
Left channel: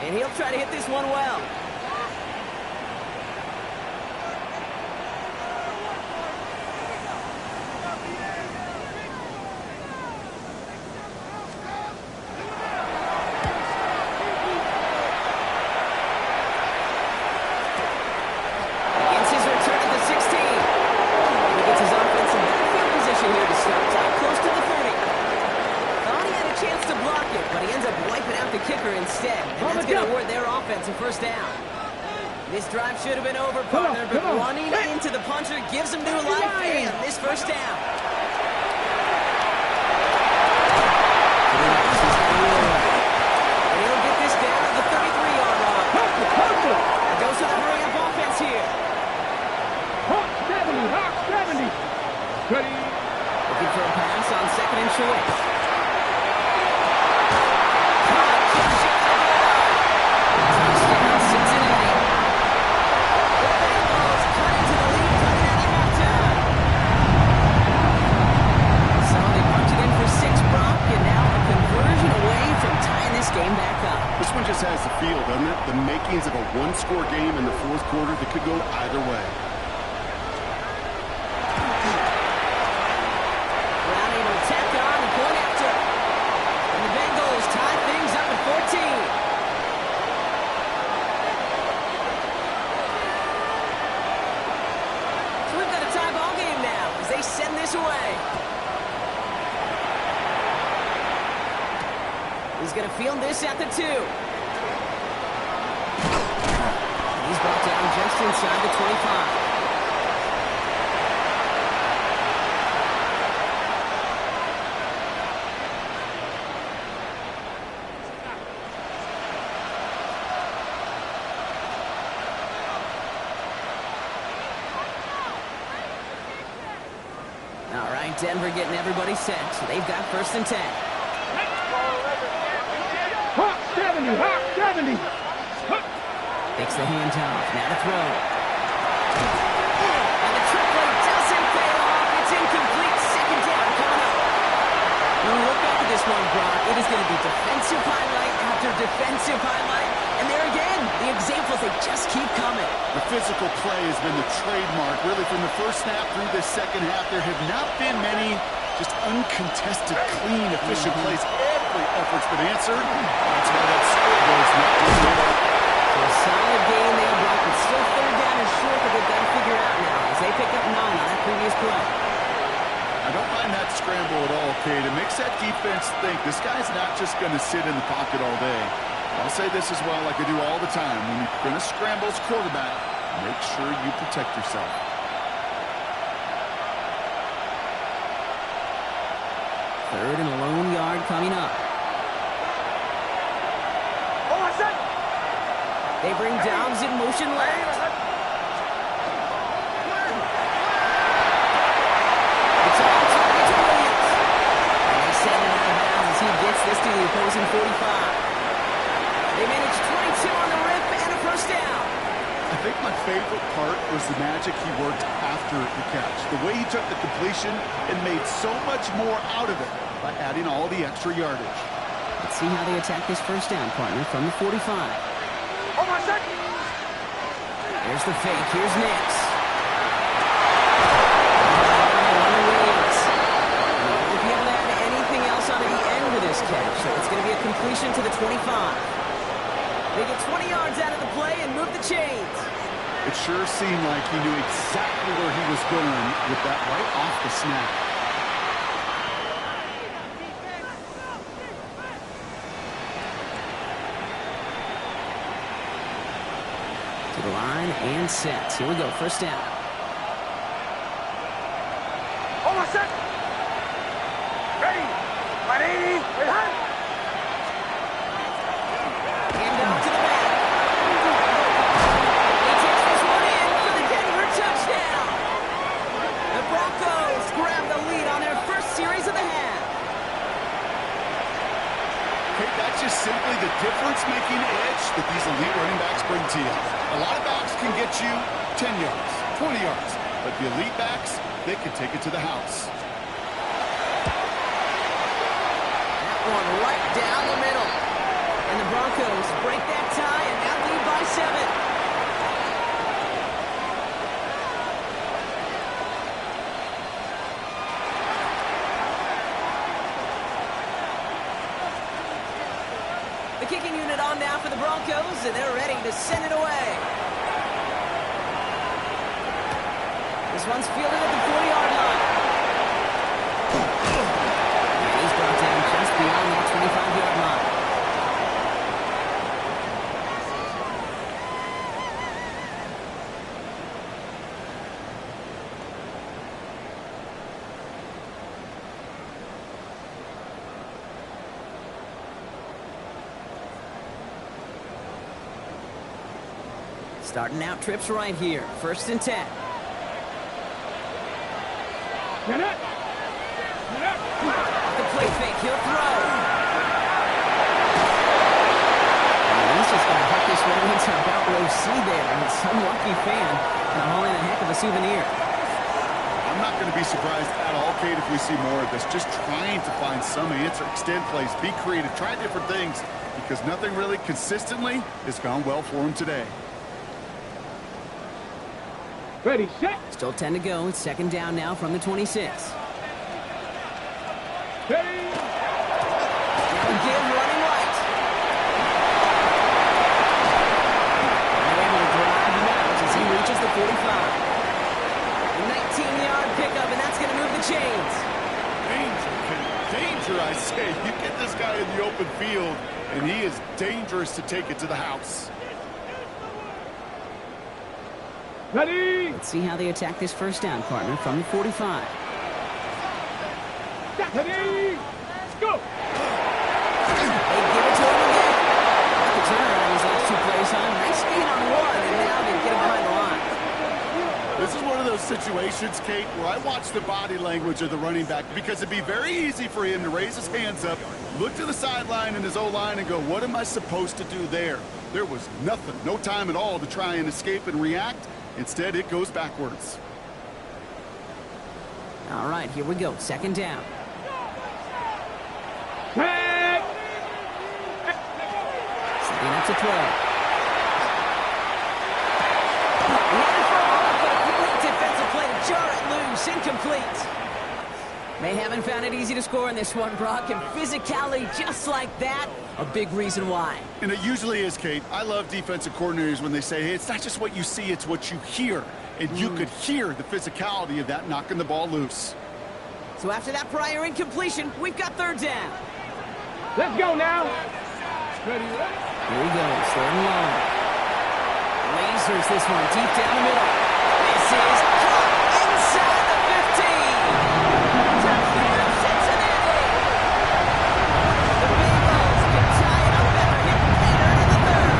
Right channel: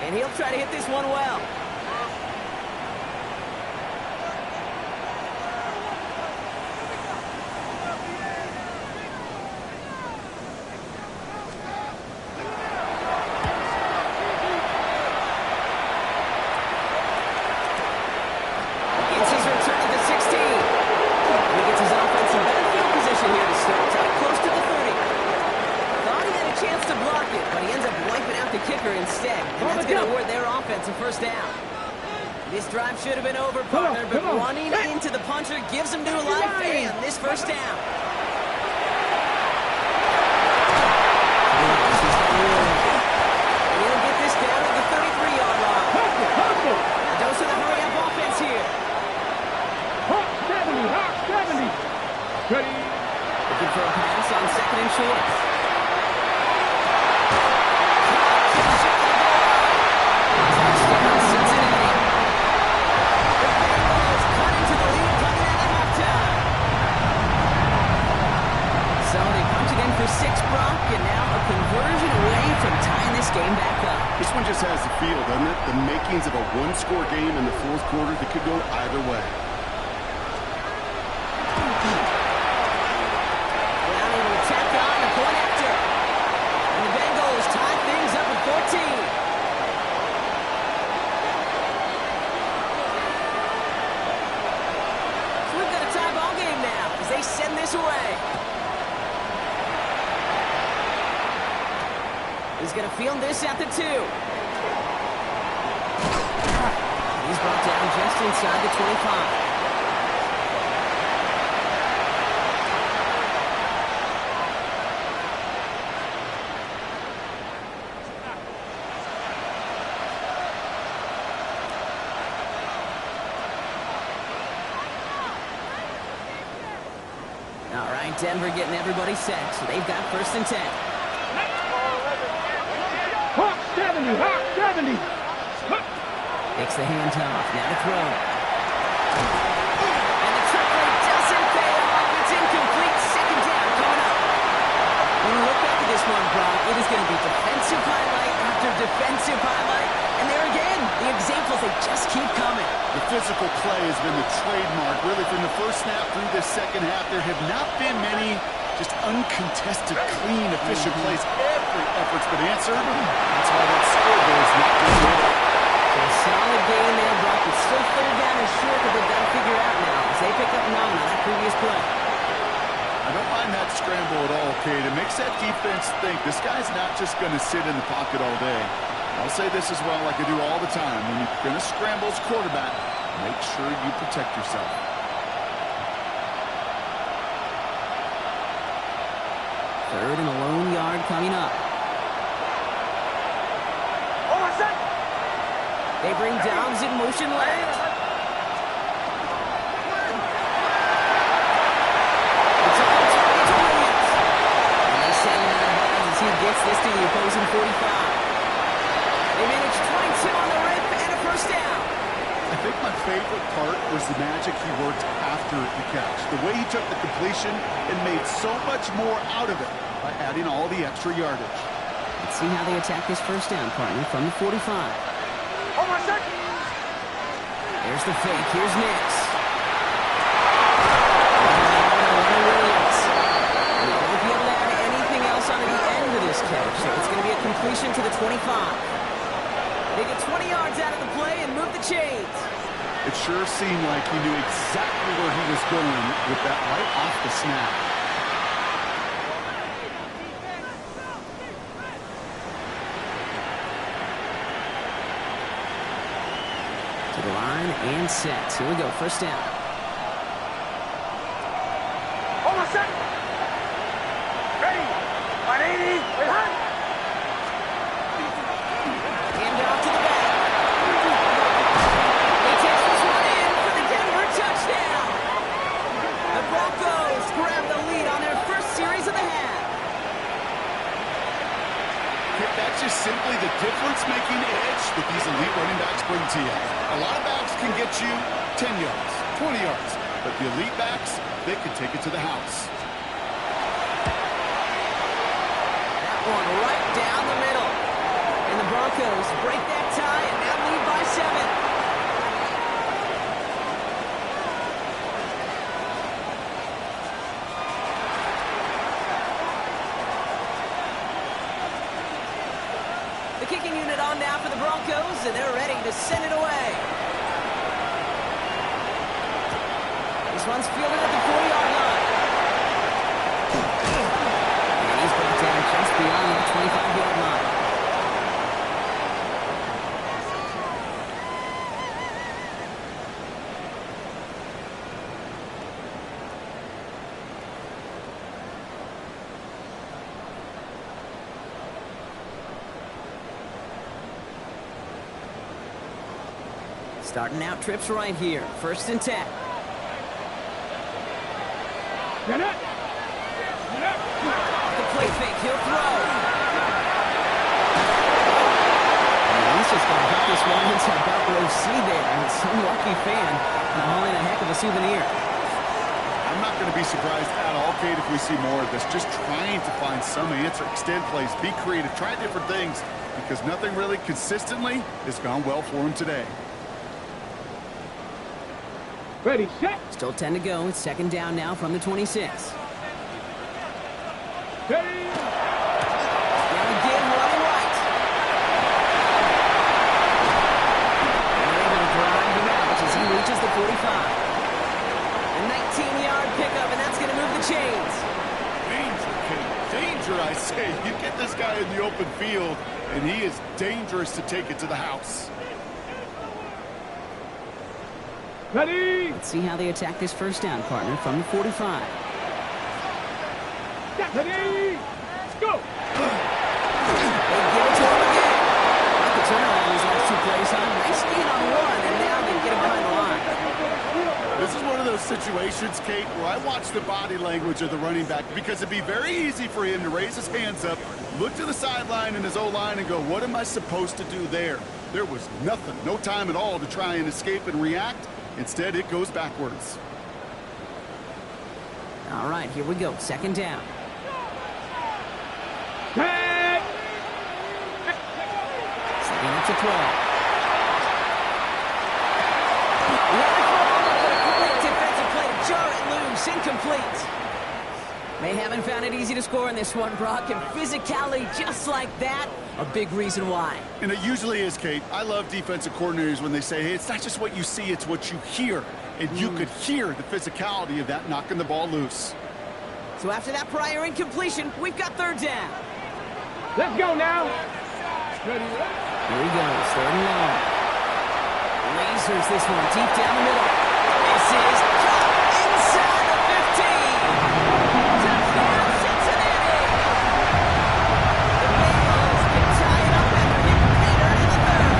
and he'll try to hit this one well. Instead, and that's going to award their offense a first down. This drive should have been over, partner, but running into the puncher gives them new life and this first down. And he'll get this down at the 33-yard line. A dose of the hurry-up offense here. Hawk 70, Hawk 70. Ready. Looking for a pass on 2nd and short. For 6, Brock, and now a conversion away from tying this game back up. This one just has the feel, doesn't it? The makings of a one-score game in the 4th quarter that could go either way. Brown able to tack on the point after. And the Bengals tie things up at 14. So we've got a tie ball game now as they send this away. He's going to field this at the 2. And he's brought down just inside the 25. All right, Denver getting everybody set, so they've got 1st and 10. Hawk 70, Hawk 70. Takes the handoff, now to throw. And the trick play doesn't pay off. It's incomplete. 2nd down coming up. When we look back at this one, Brock, it is going to be defensive highlight after defensive highlight. And there again, the examples, they just keep coming. The physical play has been the trademark. Really, from the first snap through this second half, there have not been many just uncontested, clean, efficient plays. Every effort's been answered. That's why that scoreboard's not good enough. So a solid game there, Brock. It's still 3rd down and short that they've got to figure out now as they pick up 9 on that previous play. I don't mind that scramble at all, Kate. It makes that defense think this guy's not just going to sit in the pocket all day. I'll say this as well, like I do all the time. When you're going to scramble as quarterback, make sure you protect yourself. Third and a lone yard coming up. They bring Dobbs in motion left. It's all target to Williams. And they send him out of bounds as he gets this to the opposing 45. They manage 22 on the rip and a first down. I think my favorite part was the magic he worked after the catch. The way he took the completion and made so much more out of it by adding all the extra yardage. Let's see how they attack this first down, partner, from the 45. Hold on a second. There's the fake. Here's Nix. Williams. Will he be able to add anything else on the end of this nice catch, so it's going to be a completion to the 25. They get 20 yards out of the play and move the chains. It sure seemed like he knew exactly where he was going with that right off the snap. To the line and set. Here we go, first down. Hold on a sec. Ready. 180. Wait, hon. Hand off to the back. He takes this one in for the Denver touchdown. The Broncos grab the lead on their first series of the half. Okay, that's just simply the difference-making edge that these elite running backs bring to you. A lot of backs can get you 10 yards, 20 yards, but the elite backs, they can take it to the house. That one right down the middle. And the Broncos break that tie and now lead by 7. The kicking unit on now for the Broncos, and they're ready to send it away. This one's fielded at the 40-yard line. And he's brought down just beyond that 25-yard line. Starting out trips right here. First and 10. Get it. The play fake. He'll throw. And he's just going to huck this one into about row C there. And some lucky fan going to haul in a heck of a souvenir. I'm not going to be surprised at all, Kate, if we see more of this. Just trying to find some answer, extend plays, be creative, try different things, because nothing really consistently has gone well for him today. Ready, set. Still 10 to go. It's second down now from the 26. Ready. Now again, running right. And they're able to drive him out as he reaches the 45. A 19-yard pickup, and that's going to move the chains. Danger, Kate. Danger, I say. You get this guy in the open field, and he is dangerous to take it to the house. Ready. Let's see how they attack this first down, partner, from the 45. Ready. Go. They give it to him again. Like the turnaround these last 2 plays, huh? Nice gain on one, and now they get him behind the line. This is one of those situations, Kate, where I watch the body language of the running back, because it'd be very easy for him to raise his hands up, look to the sideline in his O-line and go, what am I supposed to do there? There was nothing, no time at all to try and escape and react. Instead, it goes backwards. All right, here we go. Second down. Set. Setting up to throw. He had it for a moment, but a great defensive play to jar it loose. Incomplete. They haven't found it easy to score in this one, Brock, and physicality just like that, a big reason why. And it usually is, Kate. I love defensive coordinators when they say, hey, it's not just what you see, it's what you hear. And you could hear the physicality of that knocking the ball loose. So after that prior incompletion, we've got third down. Let's go now. Ready. Here he goes, third and long. Lasers this one deep down the middle. This is caught inside the 15. Touchdown, Cincinnati! The Bengals can tie it up after hitting Hater in the third.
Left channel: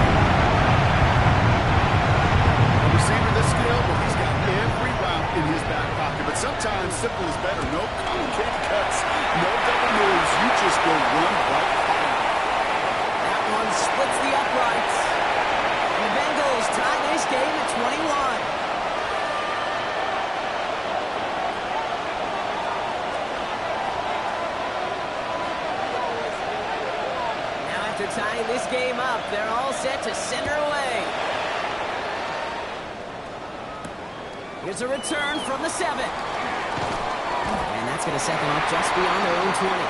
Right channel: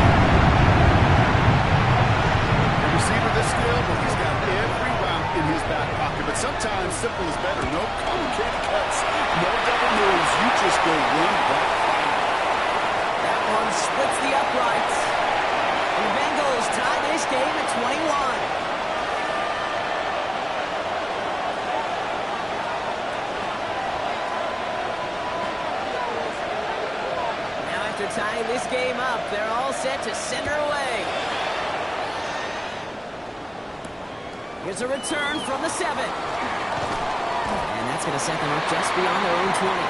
A receiver this skilled, well, he's got every route in his back pocket. But sometimes simple is better. No complicated cuts, no double moves. You just go run right by him. That one splits the uprights. And the Bengals tie this game at 21. After tying this game up, they're all set to send her away. Here's a return from the 7. And that's going to set them up just beyond their own 20.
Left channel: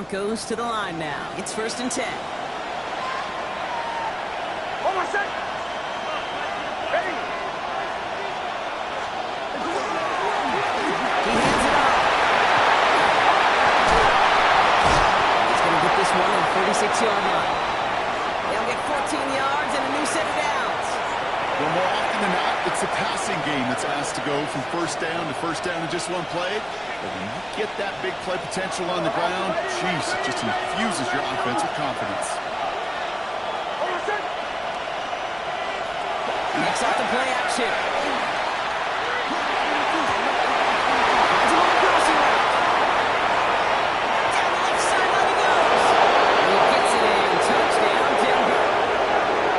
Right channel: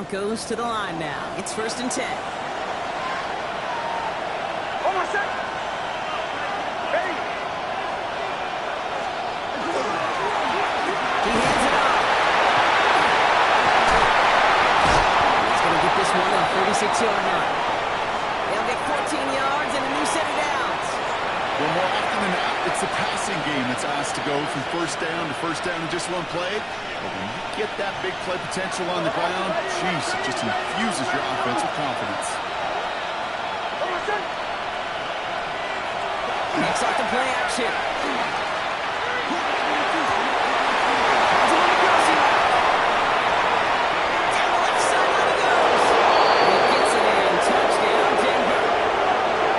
Broncos to the line now. It's 1st and 10. Hold on a sec. Ready. He hands it off. He's going to get this one at the 36-yard line. They'll get 14 yards and a new set of downs. Well, more often than not, it's the passing game that's asked to go from first down to first down in just one play. But when you get that big play potential on the ground, geez, it just infuses your offense with confidence. Hold on a sec. Next off the play action. Finds him on the crossing route. Down the left sideline he goes. He gets it in. Touchdown, Denver.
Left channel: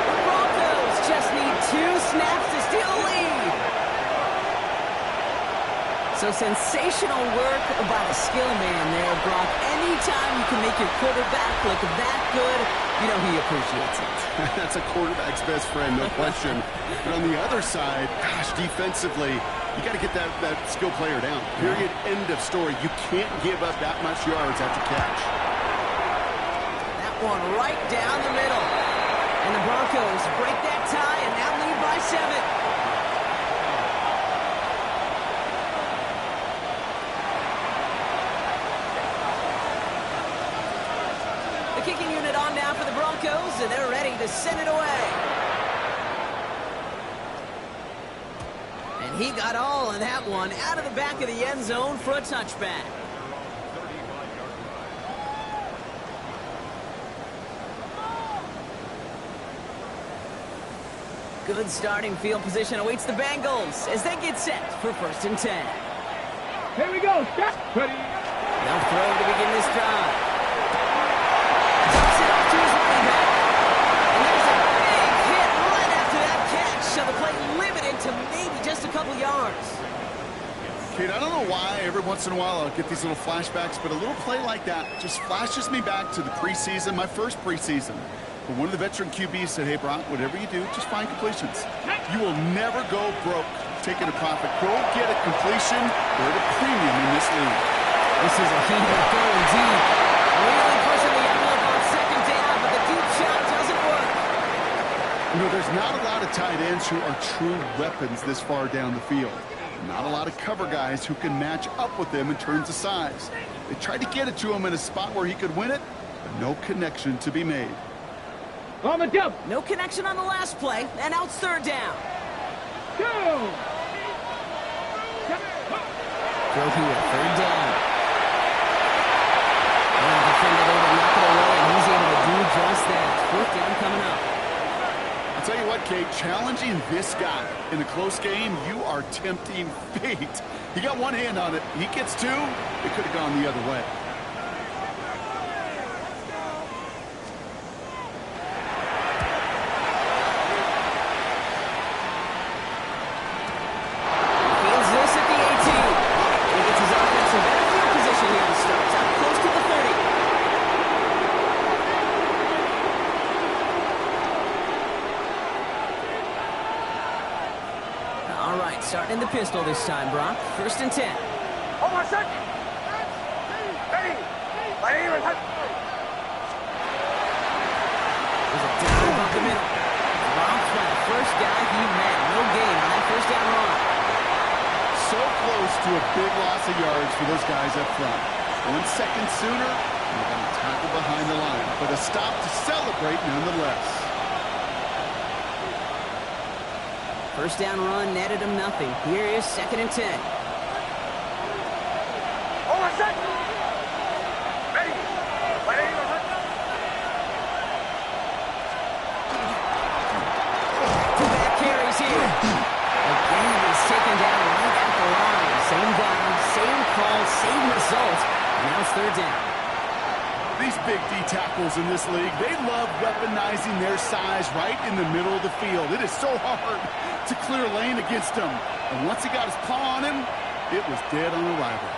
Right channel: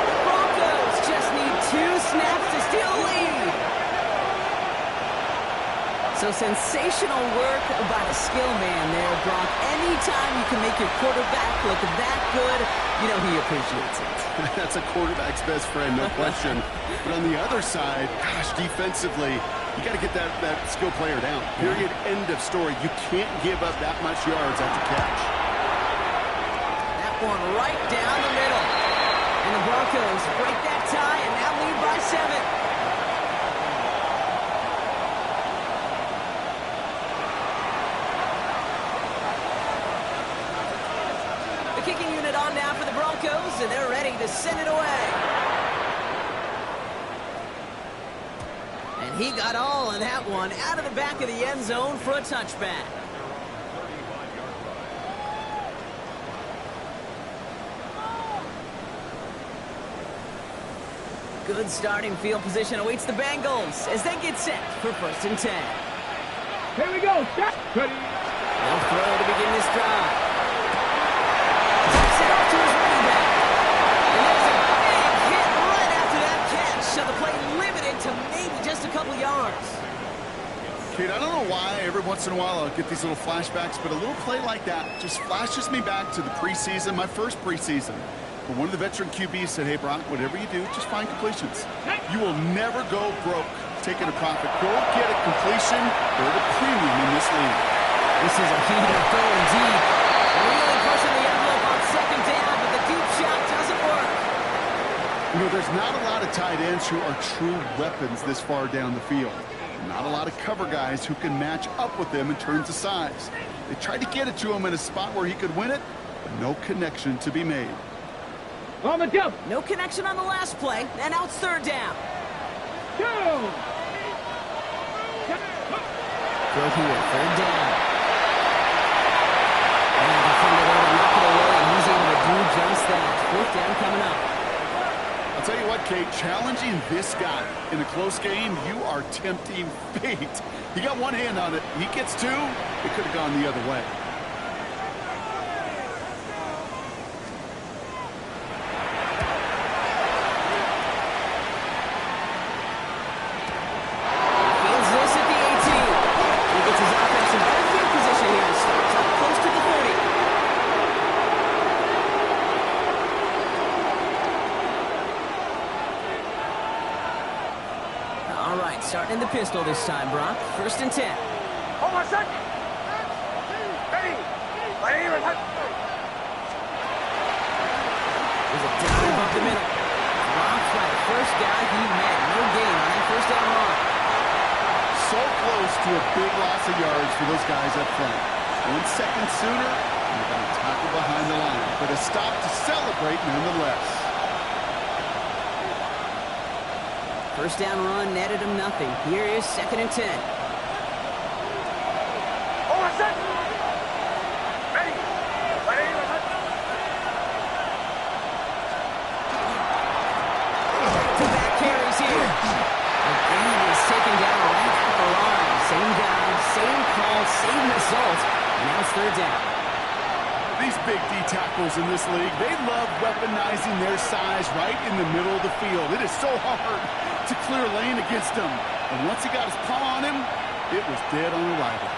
The Broncos just need 2 snaps to steal the lead. So sensational work by the skill man there, Brock. Anytime you can make your quarterback look that good, you know he appreciates it. That's a quarterback's best friend, no question. But on the other side, gosh, defensively, you got to get that skill player down. Period. End of story. You can't give up that much yards after catch. That one right down the middle. And the Broncos break that tie and now lead by 7. The kicking unit on now for the Broncos, and they're ready to send it away. And he got all of that one out of the back of the end zone for a touchback. Good starting field position awaits the Bengals as they get set for 1st and 10. Here we go. Stop. Ready. They'll throw to begin this drive. Dumps it off to his running back. And there's a big hit right after that catch. So the play limited to maybe just a couple yards. Kate, I don't know why every once in a while I'll get these little flashbacks, but a little play like that just flashes me back to the preseason, my first preseason. But one of the veteran QBs said, hey, Brock, whatever you do, just find completions. You will never go broke taking a profit. Go get a completion. They're at a premium in this league. This is a heater going deep. Really pushing the envelope on 2nd down, but the deep shot doesn't work. You know, there's not a lot of tight ends who are true weapons this far down the field. Not a lot of cover guys who can match up with them in terms of size. They tried to get it to him in a spot where he could win it, but no connection to be made. On the jump. No connection on the last play, and now it's 3rd down. Go. Throw here, 3rd down. And the defender there to knock it away, and he's able to do just that. 4th down coming up. I'll tell you what, Kate, challenging this guy in a close game, you are tempting fate. He got one hand on it. He gets 2. It could have gone the other way. Feels this at the 18. And he gets his offense in better field position here to start. Up close to the 30. All right, starting in the pistol this time, Brock. 1st and 10. Hold on a sec. Ready. My name is... There's a dive up the middle. Drops by the first guy he met. No gain on that 1st down run. So close to a big loss of yards for those guys up front. 1 second sooner, and they're going to tackle behind the line. But a stop to celebrate nonetheless. 1st down run netted him nothing. Here is 2nd and 10. Hold on a sec. Ready. My name is... Back-to-back carries here. Again, he's taken down right at the line. Same guy, same call, same result. And now it's 3rd down. These big D tackles in this league, they love weaponizing their size right in the middle of the field. It is so hard to clear lane against him. And once he got his paw on him, it was dead on arrival.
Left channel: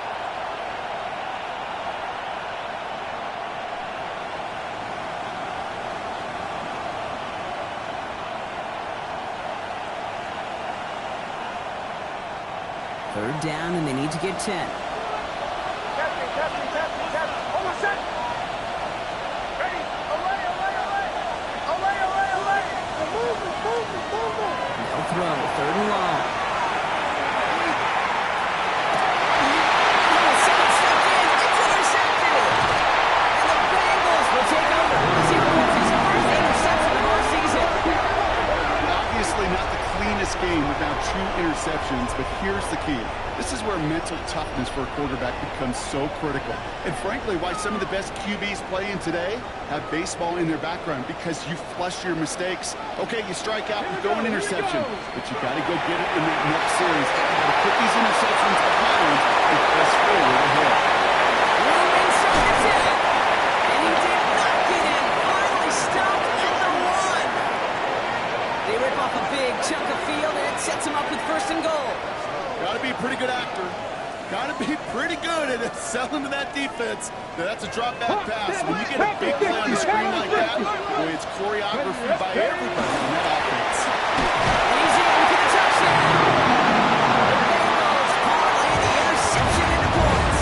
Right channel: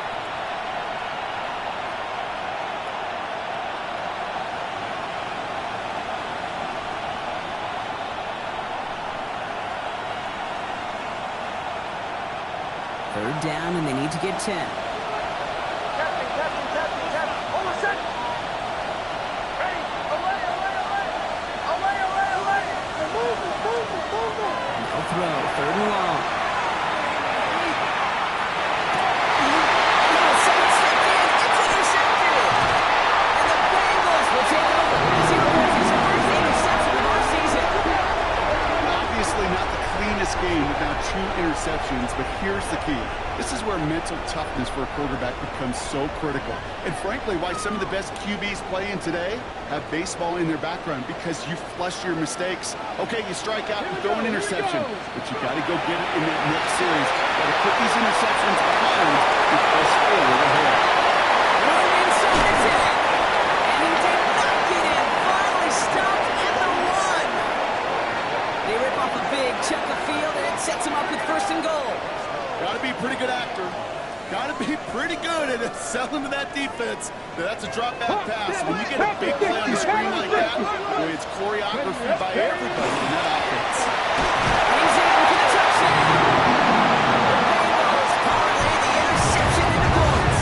Third down, and they need to get 10. Captain. Hold on a sec. No throw, 3rd and long. Someone stepped in. It's intercepted. And the Bengals will take over as he records his first interception of our season. Obviously not the cleanest game without 2 interceptions, but here's the key. This is where mental toughness for a quarterback becomes so critical. And frankly, why some of the best QBs playing today have baseball in their background, because you flush your mistakes. Okay, you strike out and throw an interception, but you got to go get it in that next series. You got to put these interceptions behind and press forward ahead. Room inside the 10. And he did not get in. Finally stopped at the 1. They rip off a big chunk of field, and it sets him up with 1st and goal. Got to be a pretty good actor. Got to be pretty good at selling to that defense. Now, that's a drop-back pass. When you get a big play on the screen like that, boy, it's choreography by everybody in that offense. And he's in for the touchdown. The Bengals parlay the interception into points.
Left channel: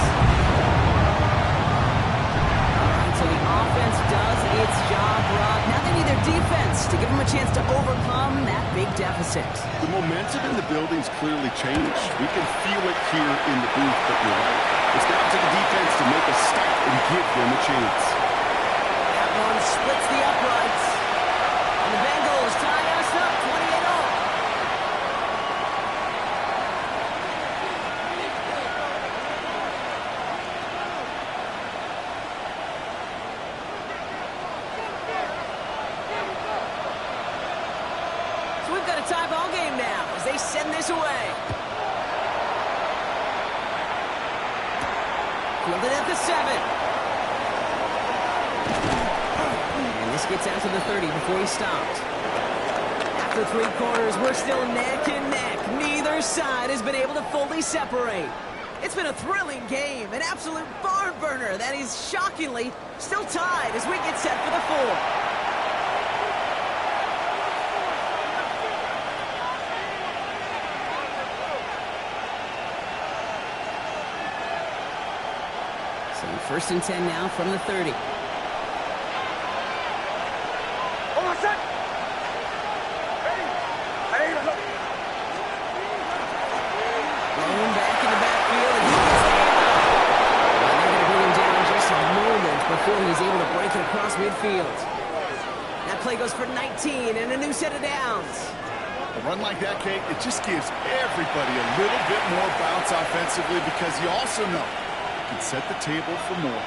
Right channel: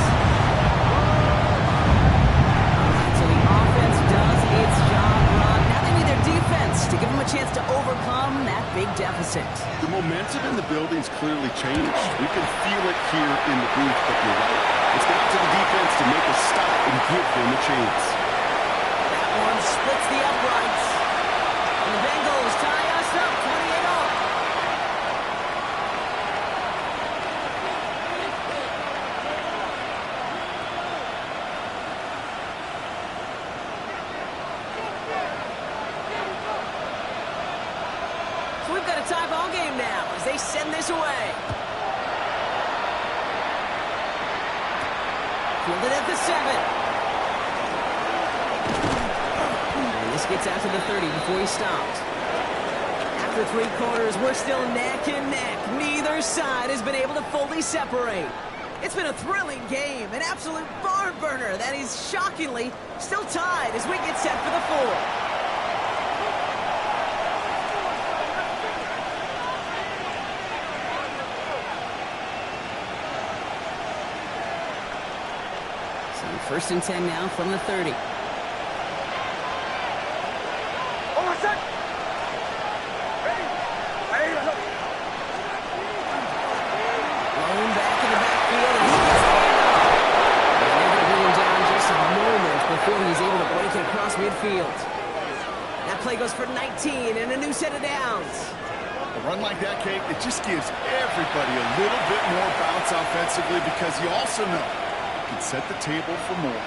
All right, so the offense does its job, Rob. Now they need their defense to give them a chance to overcome that big deficit. The momentum in the building's clearly changed. We can feel it here in the booth, but you're right. It's down to the defense to make a stop and give them a chance. That one splits the uprights. And the Bengals tie us up 28-all. So we've got a tie ball game now as they send this away. Fielded at the 7. And this gets out to the 30 before he stopped. After 3 quarters, we're still neck and neck. Neither side has been able to fully separate. It's been a thrilling game, an absolute barn burner that is shockingly still tied as we get set for the 4th. So 1st and 10 now from the 30. Blown back in the backfield, and he gets the handoff. And they're going to bring him down just a moment before he's able to break it across midfield. That play goes for 19 and a new set of downs. A run like that, Kate, it just gives everybody a little bit more bounce offensively, because you also know you can set the table for more.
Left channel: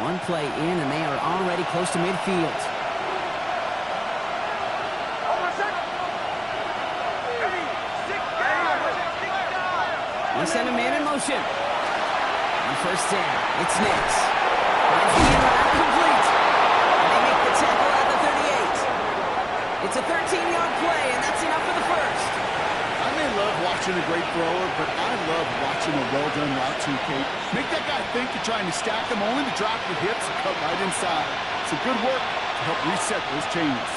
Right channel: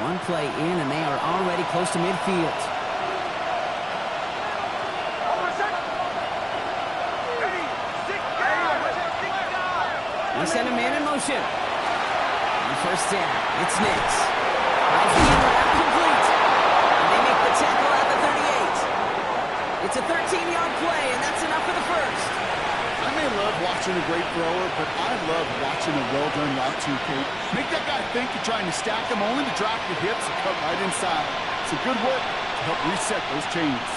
One play in, and they are already close to midfield. They send a man in motion. On 1st down, it's Nix. Finds the in-route complete. And they make the tackle at the 38. It's a 13-yard play, and that's enough for the 1st. I may love watching a great thrower, but I love watching a well-done route too, Kate. Make that guy think you're trying to stack him, only to drop your hips and cut right inside. It's a good work to help reset those chains.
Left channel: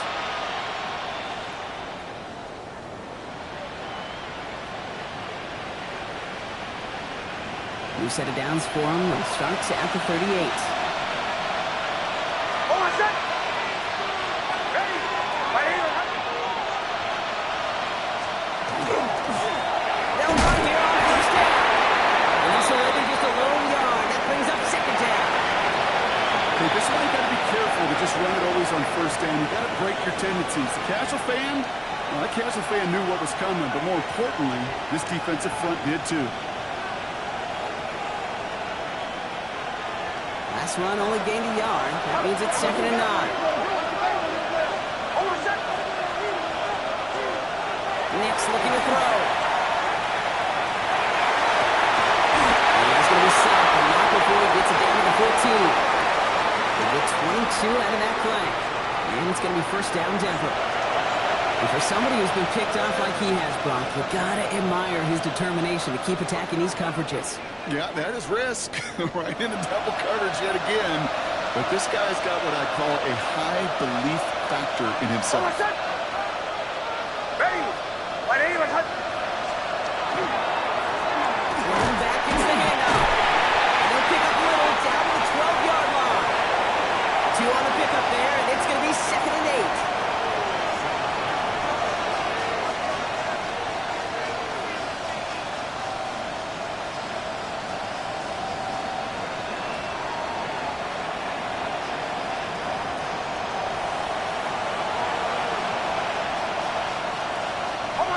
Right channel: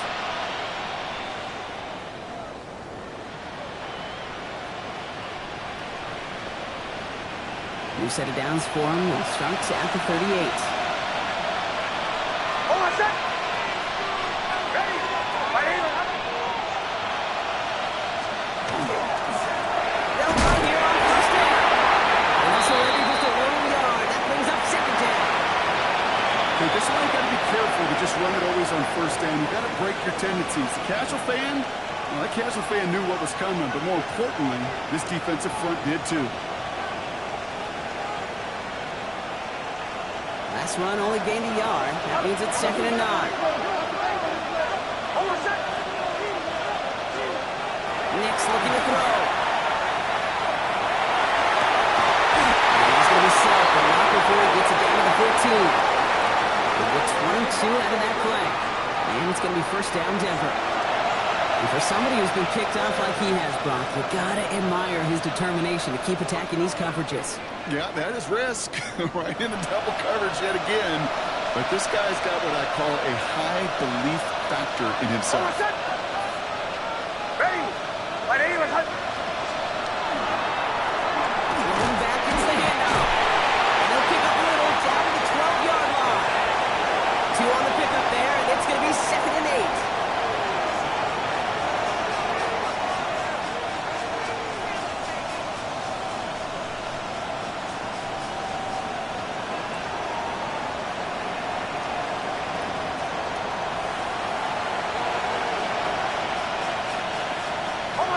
New set of downs for him. The Sharks at the 38. They'll run here on 1st down. And also landing just a lone yard. That brings up 2nd down. Okay, this is why you got to be careful to just run it always on 1st down. You got to break your tendencies. The casual fan, well, that casual fan knew what was coming, but more importantly, this defensive front did too. Last run only gained a yard. That means it's 2nd and 9. Nix looking to throw. And he's going to be sacked, but not before he gets it down to the 14. He'll get 22 out of that play. And it's going to be 1st down Denver. And for somebody who's been picked off like he has, Brock, you got to admire his determination to keep attacking these coverages. Yeah, that is risk. Right into double coverage yet again. But this guy's got what I call a high belief factor in himself.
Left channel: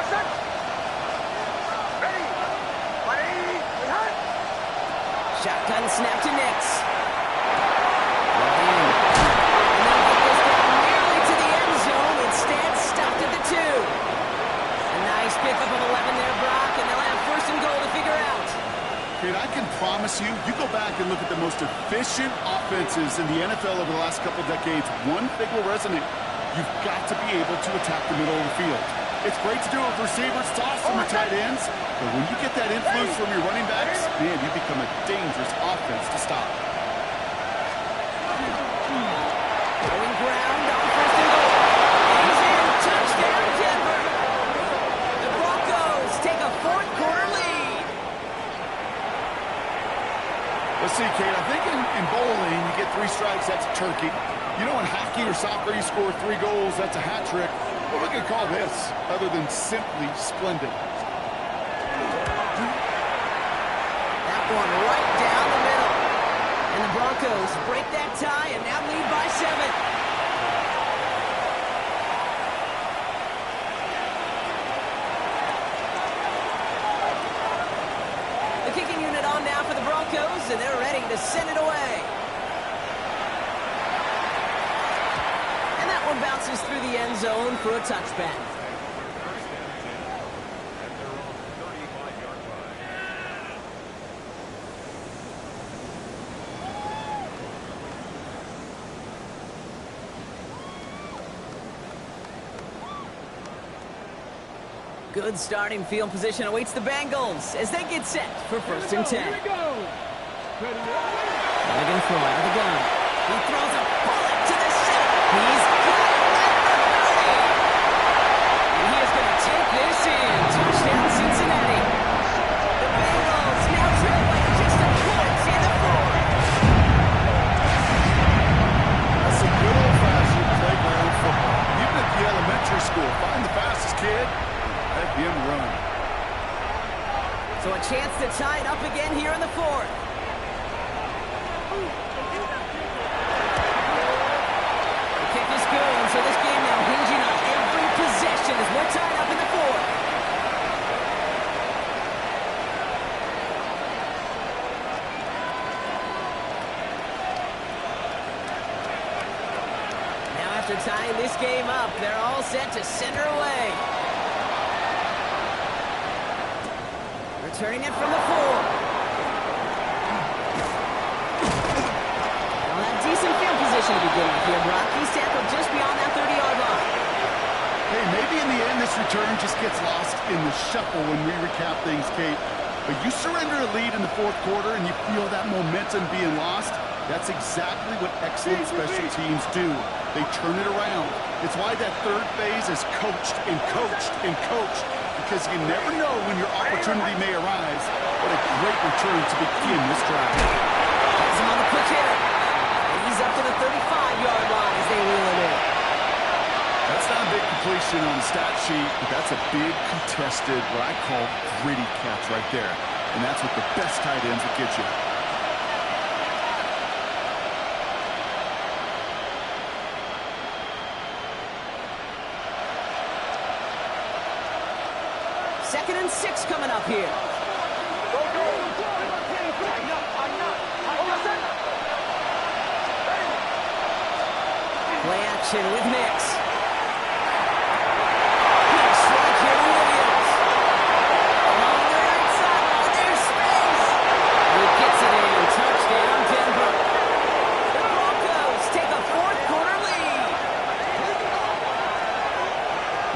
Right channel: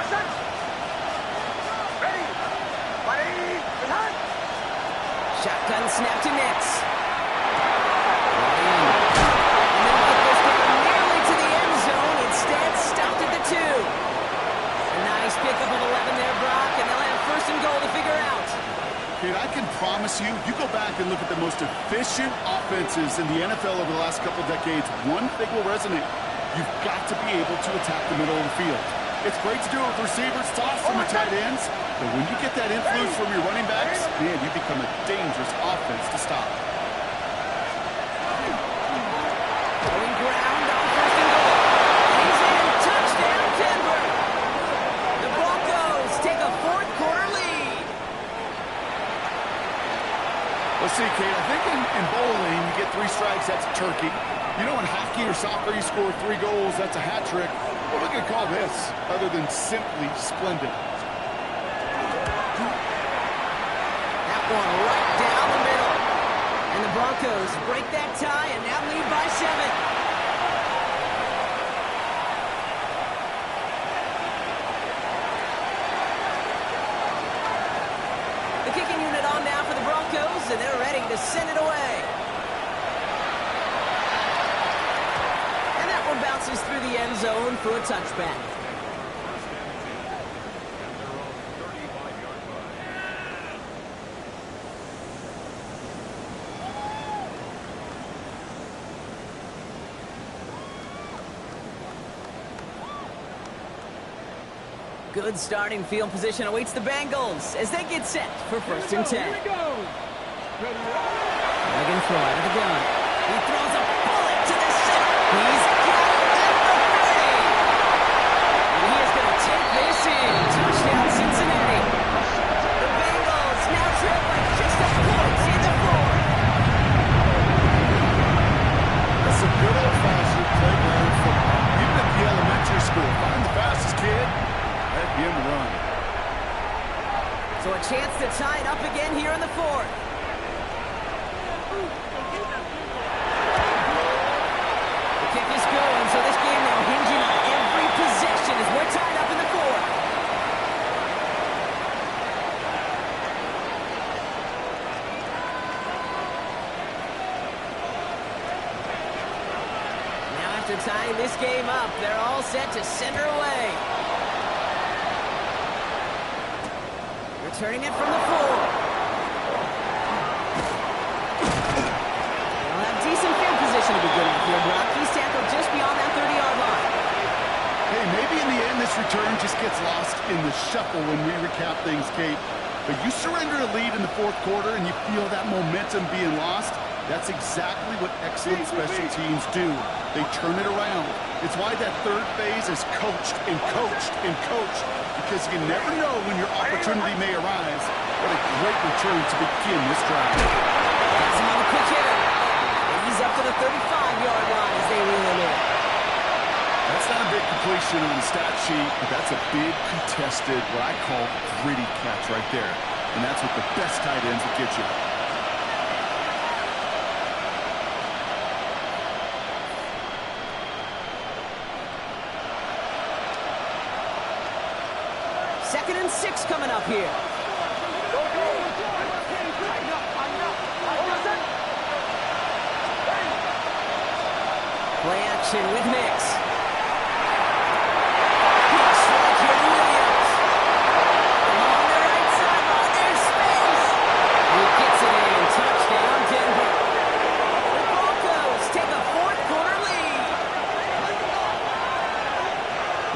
set. Ready. 180. Behind. Shotgun snap to Nix. Right in. And they'll get this down nearly to the end zone. Instead, stopped at the 2. A nice pickup of 11 there, Brock, and they'll have first and goal to figure out. Kate, I can promise you, you go back and look at the most efficient offenses in the NFL over the last couple decades, one thing will resonate. You've got to be able to attack the middle of the field. It's great to do it with receivers, it's awesome with tight ends, but when you get that influence from your running backs, man, you become a dangerous offense to stop. Going ground on first and goal. And he's in. Touchdown, Denver. The Broncos take a fourth-quarter lead. Let's see, Kate, I think in bowling, you get 3 strikes, that's a turkey. You know, in hockey or soccer, you score 3 goals, that's a hat trick. What are we going to call this, other than simply splendid? That one right down the middle. And the Broncos break that tie and now lead by 7. The kicking unit on now for the Broncos, and they're ready to send it away. And that one bounces through the end zone for a touchback. Good starting field position awaits the Bengals as they get set for first and 10. Here we go. Ready. They're going to throw out of the gun. He throws a bullet to the center. He's got it at the 30. And he is going to take this in. Touchdown, Cincinnati. The Bengals now trail by just a point in the 4th. That's some good old-fashioned playground football. Even at the elementary school, find the fastest kid, let him run. So a chance to tie it up again here in the 4th. The kick is good, and so this game now hinging on every possession as we're tied up in the 4th. Now after tying this game up, they're all set to send her away. Returning it from the 4. They'll have decent field position to begin with here, Brock. He's tackled just beyond that 30-yard line. Hey, maybe in the end this return just gets lost in the shuffle when we recap things, Kate. But you surrender a lead in the 4th quarter and you feel that momentum being lost. That's exactly what excellent special teams do. They turn it around. It's why that 3rd phase is coached and coached and coached. Because you never know when your opportunity may arise. What a great return to begin this drive. Has him on the quick hitter. And he's up to the 35-yard line as they reel him in. That's not a big completion on the stat sheet, but that's a big contested, what I call gritty catch right there. And that's what the best tight ends will get you. Second and 6 coming up here. Go, go. Line up. Hold on, set. Ready. Play action with Nix. Big strike here to Williams. Along the right sideline, there's space. He gets it in. Touchdown, Denver. The Broncos take a fourth-quarter lead.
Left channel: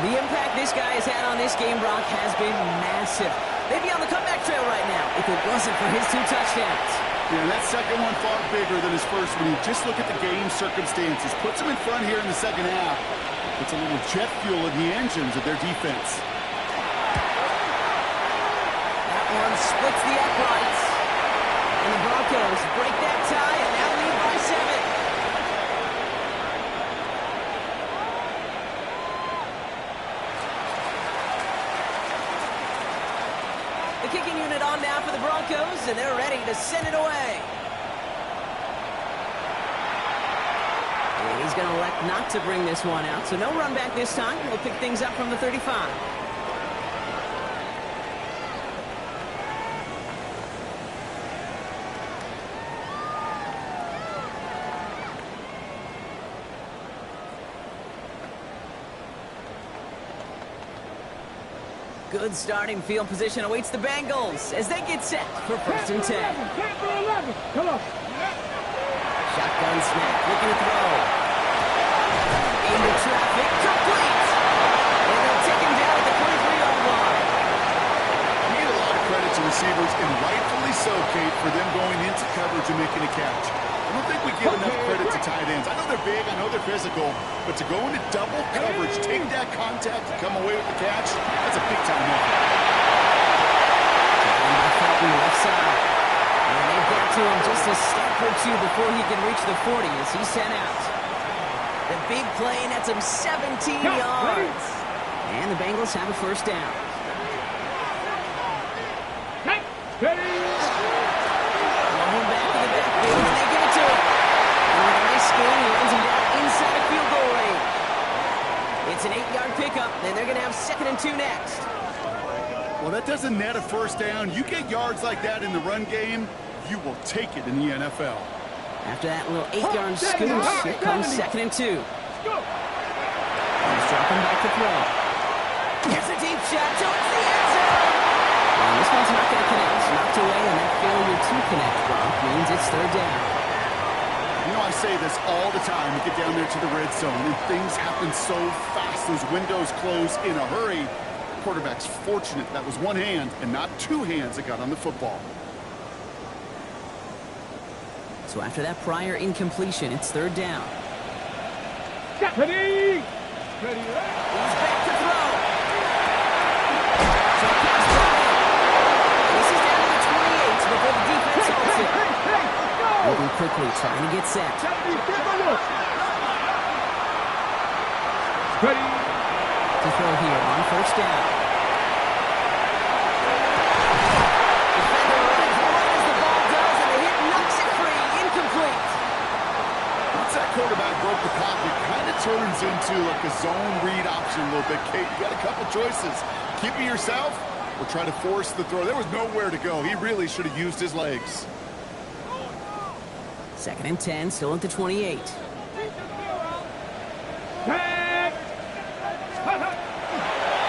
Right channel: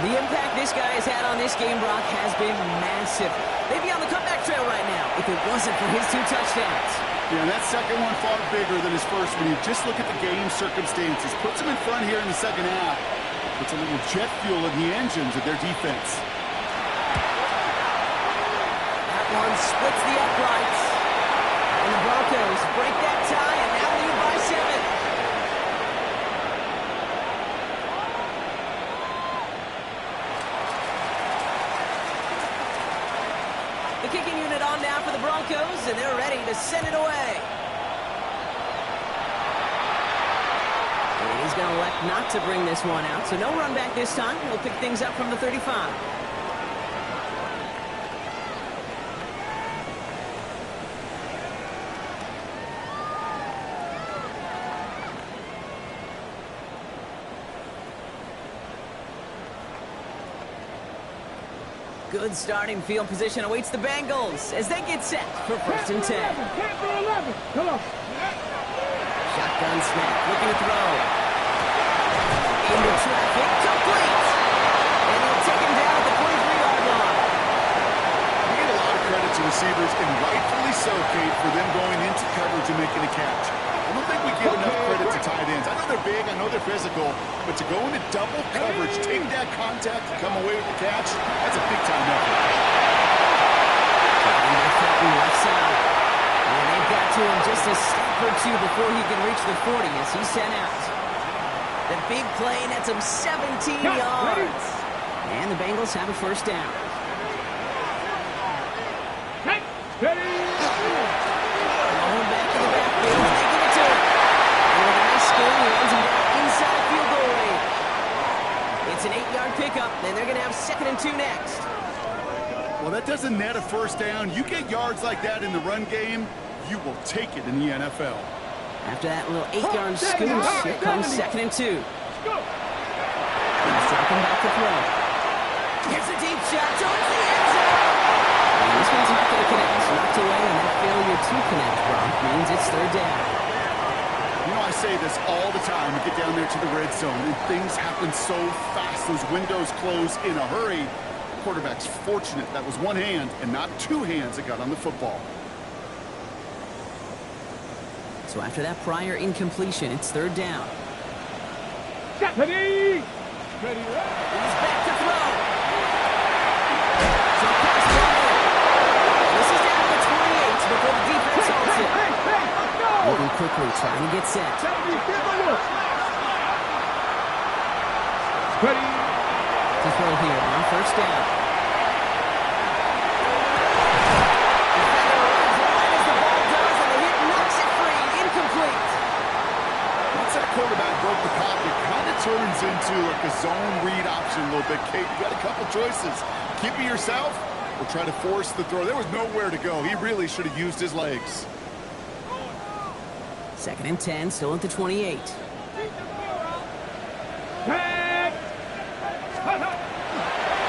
The impact this guy has had on this game, Brock, has been massive. They'd be on the comeback trail right now if it wasn't for his 2 touchdowns. Yeah, that second one far bigger than his first when you just look at the game circumstances. Puts him in front here in the second half. Puts a little jet fuel in the engines of their defense. That one splits the uprights. And the Broncos break that tie and now lead by 7. The kicking unit on now for the Broncos, and they're ready to send it away. And he's going to elect not to bring this one out, so no run back this time. We'll pick things up from the 35. Good starting field position awaits the Bengals as they get set for 1st and 10. Come on. Shotgun snap, looking to throw. Into traffic, complete. And they'll take him down at the 23-yard line. We get a lot of credit to receivers, and rightfully so, Kate, for them going into coverage and making a catch. I don't think we give enough credit to tight ends. I know they're big, I know they're physical, but to go into double coverage, take that contact, and come away with the catch, that's a big-time effort. Taken by Felton, left side. And they've got to him just a step or two before he can reach the 40 as he's sent out. The big play nets him 17 yards. And the Bengals have a 1st down. Thrown back in the backfield, and they give it to him. And with a nice scheme, he runs him down inside field goal range. It's an 8-yard pickup, and they're going to have 2nd and 2 next. Well, that doesn't net a 1st down. You get yards like that in the run game, you will take it in the NFL. After that little 8-yard scooch, here comes 2nd and 2. He's dropping back to throw. Here's a deep shot towards the end zone. And this one's not going to connect. Knocked away, and that failure to connect, Brock, means it's 3rd down. You know, I say this all the time. You get down there to the red zone, and things happen so fast. Those windows close in a hurry. The quarterback's fortunate that was one hand and not 2 hands that got on the football. So after that prior incompletion, it's 3rd down. Ready. He's back to throw. Short pass Bryant. And this is down to the 28 before the defense holds it. Moving quickly, trying to get set. Ready. To throw here on 1st down. Defender arrives right as the ball does, and the hit knocks it free. Incomplete. Once that quarterback broke the pocket, kind of turns into like a zone read option a little bit, Kate. You got a couple choices. Keep it yourself or try to force the throw. There was nowhere to go. He really should have used his legs. 2nd and 10, still at the 28.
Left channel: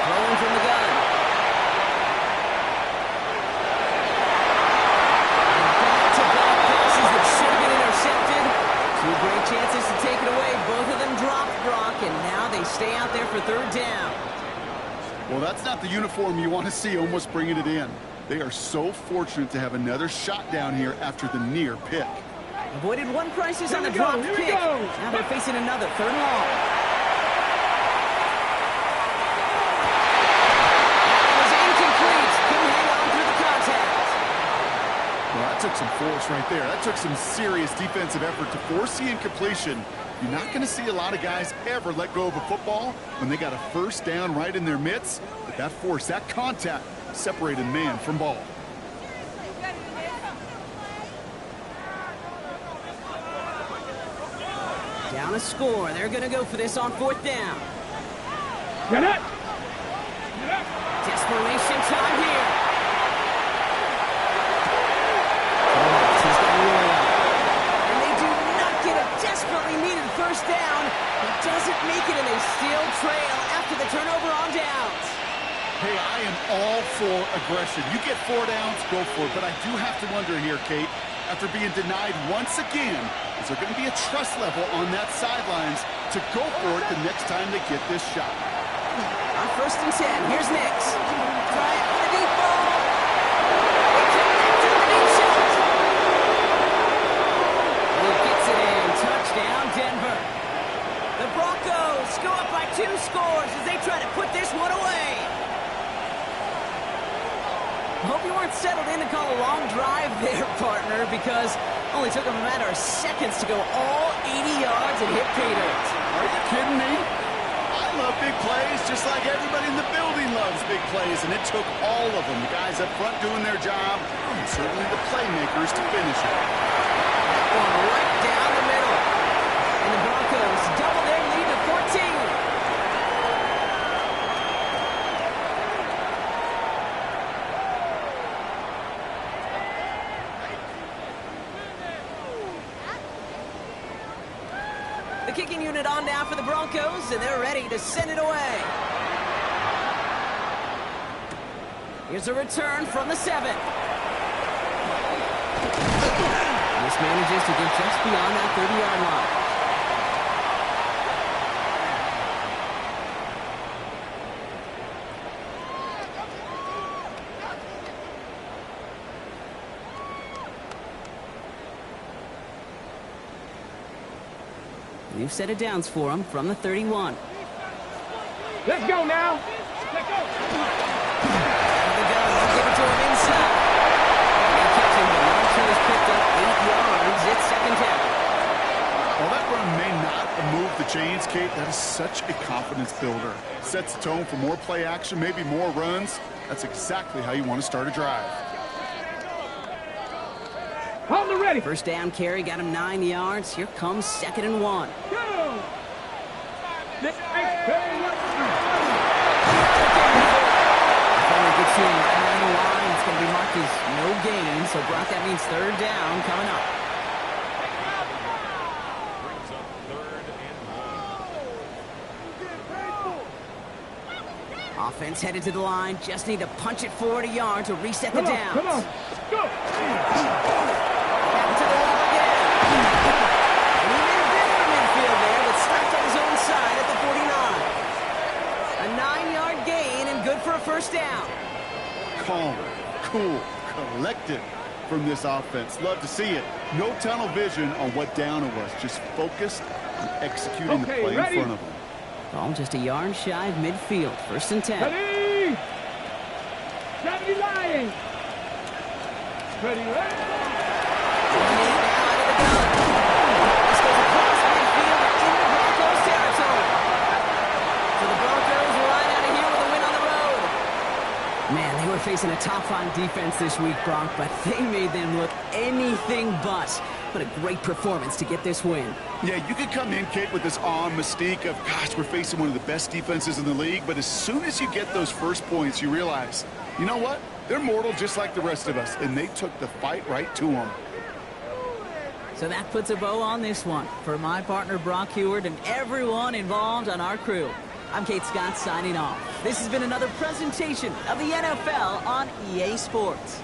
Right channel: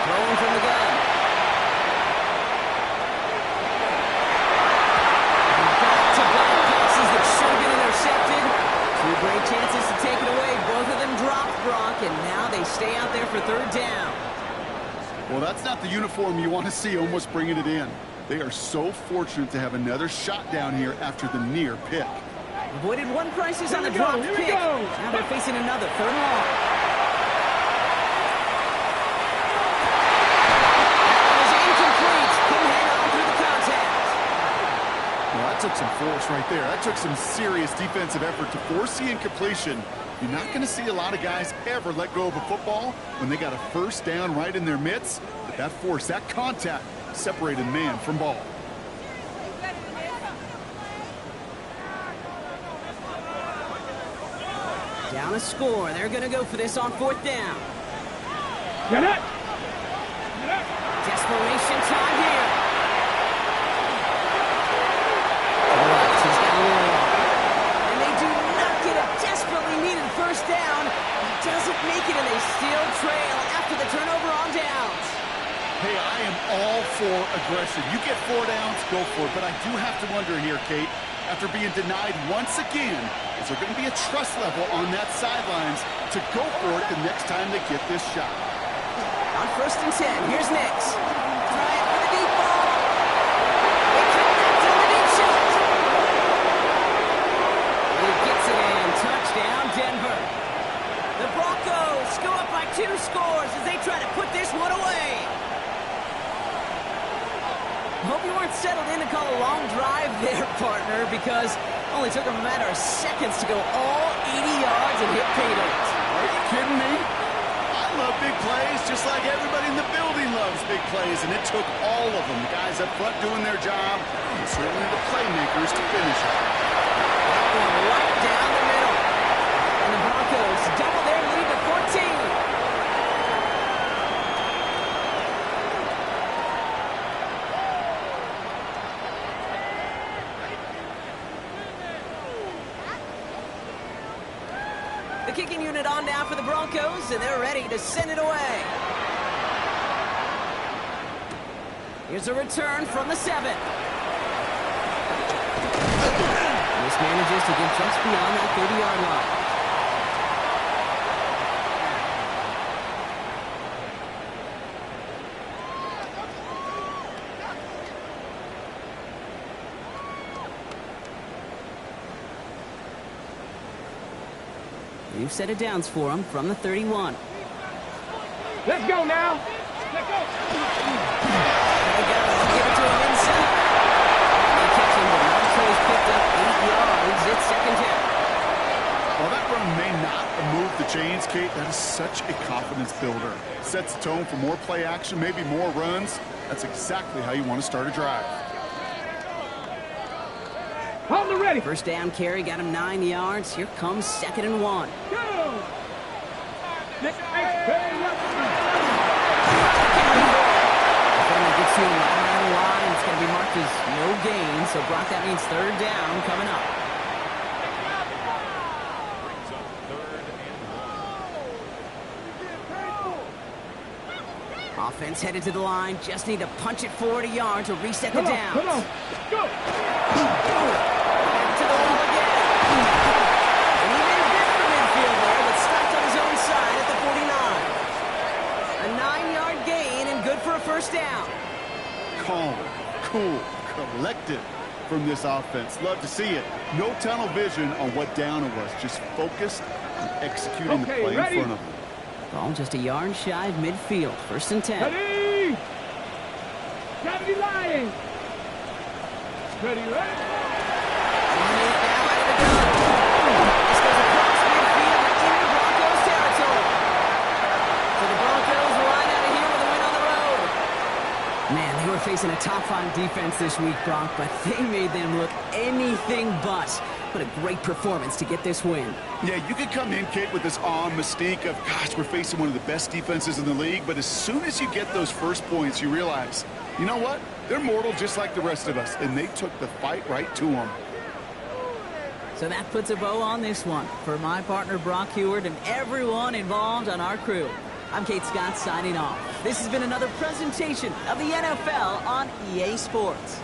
Throwing from the gun. And back-to-back passes that should have been intercepted. 2 great chances to take it away. Both of them dropped, Brock, and now they stay out there for 3rd down. Well, that's not the uniform you want to see almost bringing it in. They are so fortunate to have another shot down here after the near pick. Avoided one crisis on the dropped pick. Now they're facing another 3rd and long. That was incomplete. Couldn't hang on through the contact. Well, that took some force right there. That took some serious defensive effort to force the incompletion. You're not going to see a lot of guys ever let go of a football when they got a 1st down right in their midst. But that force, that contact, separated man from ball. Down a score. They're going to go for this on 4th down. Get it. Desperation time here. To the left, he's got Royal. And they do not get a desperately needed 1st down. He doesn't make it, and they still trail after the turnover on downs. Hey, I am all for aggression. You get 4 downs, go for it. But I do have to wonder here, Kate, after being denied once again, is there going to be a trust level on that sidelines to go for it the next time they get this shot? On 1st and 10, here's Nix. Trying for the deep ball. They connect on the deep shot. And he gets it in. Touchdown, Denver. The Broncos go up by 2 scores as they try to put this one away. Hope you weren't settled in to call a long drive there, partner, because it only took them a matter of seconds to go all 80 yards and hit pay dirt. Are you kidding me? I love big plays just like everybody in the building loves big plays, and it took all of them. The guys up front doing their job, and certainly the playmakers to finish it. That one right down the middle. And the Broncos double their lead to 14. The kicking unit on now for the Broncos, and they're ready to send it away. Here's a return from the 7. This manages to get just beyond that 30-yard line. New set of downs for him from the 31. Let's go now. Let's go. There we go. Give it to him inside. And they catch him, but not until he's picked up 8 yards. It's second down. While that run may not have moved the chains, Kate, that is such a confidence builder. Sets the tone for more play action, maybe more runs. That's exactly how you want to start a drive. Hold it ready. First down carry got him 9 yards. Here comes 2nd and 1. Go. Defender gets to him right around the line. It's going to be marked as no gain. So, Brock, that means 3rd down coming up. Brings up 3rd and 1. Offense headed to the line. Just need to punch it 40 yards to reset the downs. Come on. Go. Back to the wall again. And he made a bid for midfield there, but stopped on his own side at the 49. A 9-yard gain and good for a first down. Calm, cool, collected from this offense. Love to see it. No tunnel vision on what down it was. Just focused on executing the play in front of them. Ball just a yard shy of midfield. 1st and 10. Ready. 70 Lions. Ready, ready. 1 minute now out of the gun. This goes across midfield and into Broncos territory. So the Broncos right out of here with a win on the road. Man, they were facing a top-5 defense this week, Bronc, but they made them look anything but. What a great performance to get this win. Yeah, you could come in, Kate, with this awe and mystique of, gosh, we're facing one of the best defenses in the league, but as soon as you get those first points, you realize, you know what? They're mortal just like the rest of us, and they took the fight right to them. So that puts a bow on this one. For my partner, Brock Heward, and everyone involved on our crew, I'm Kate Scott signing off. This has been another presentation of the NFL on EA Sports.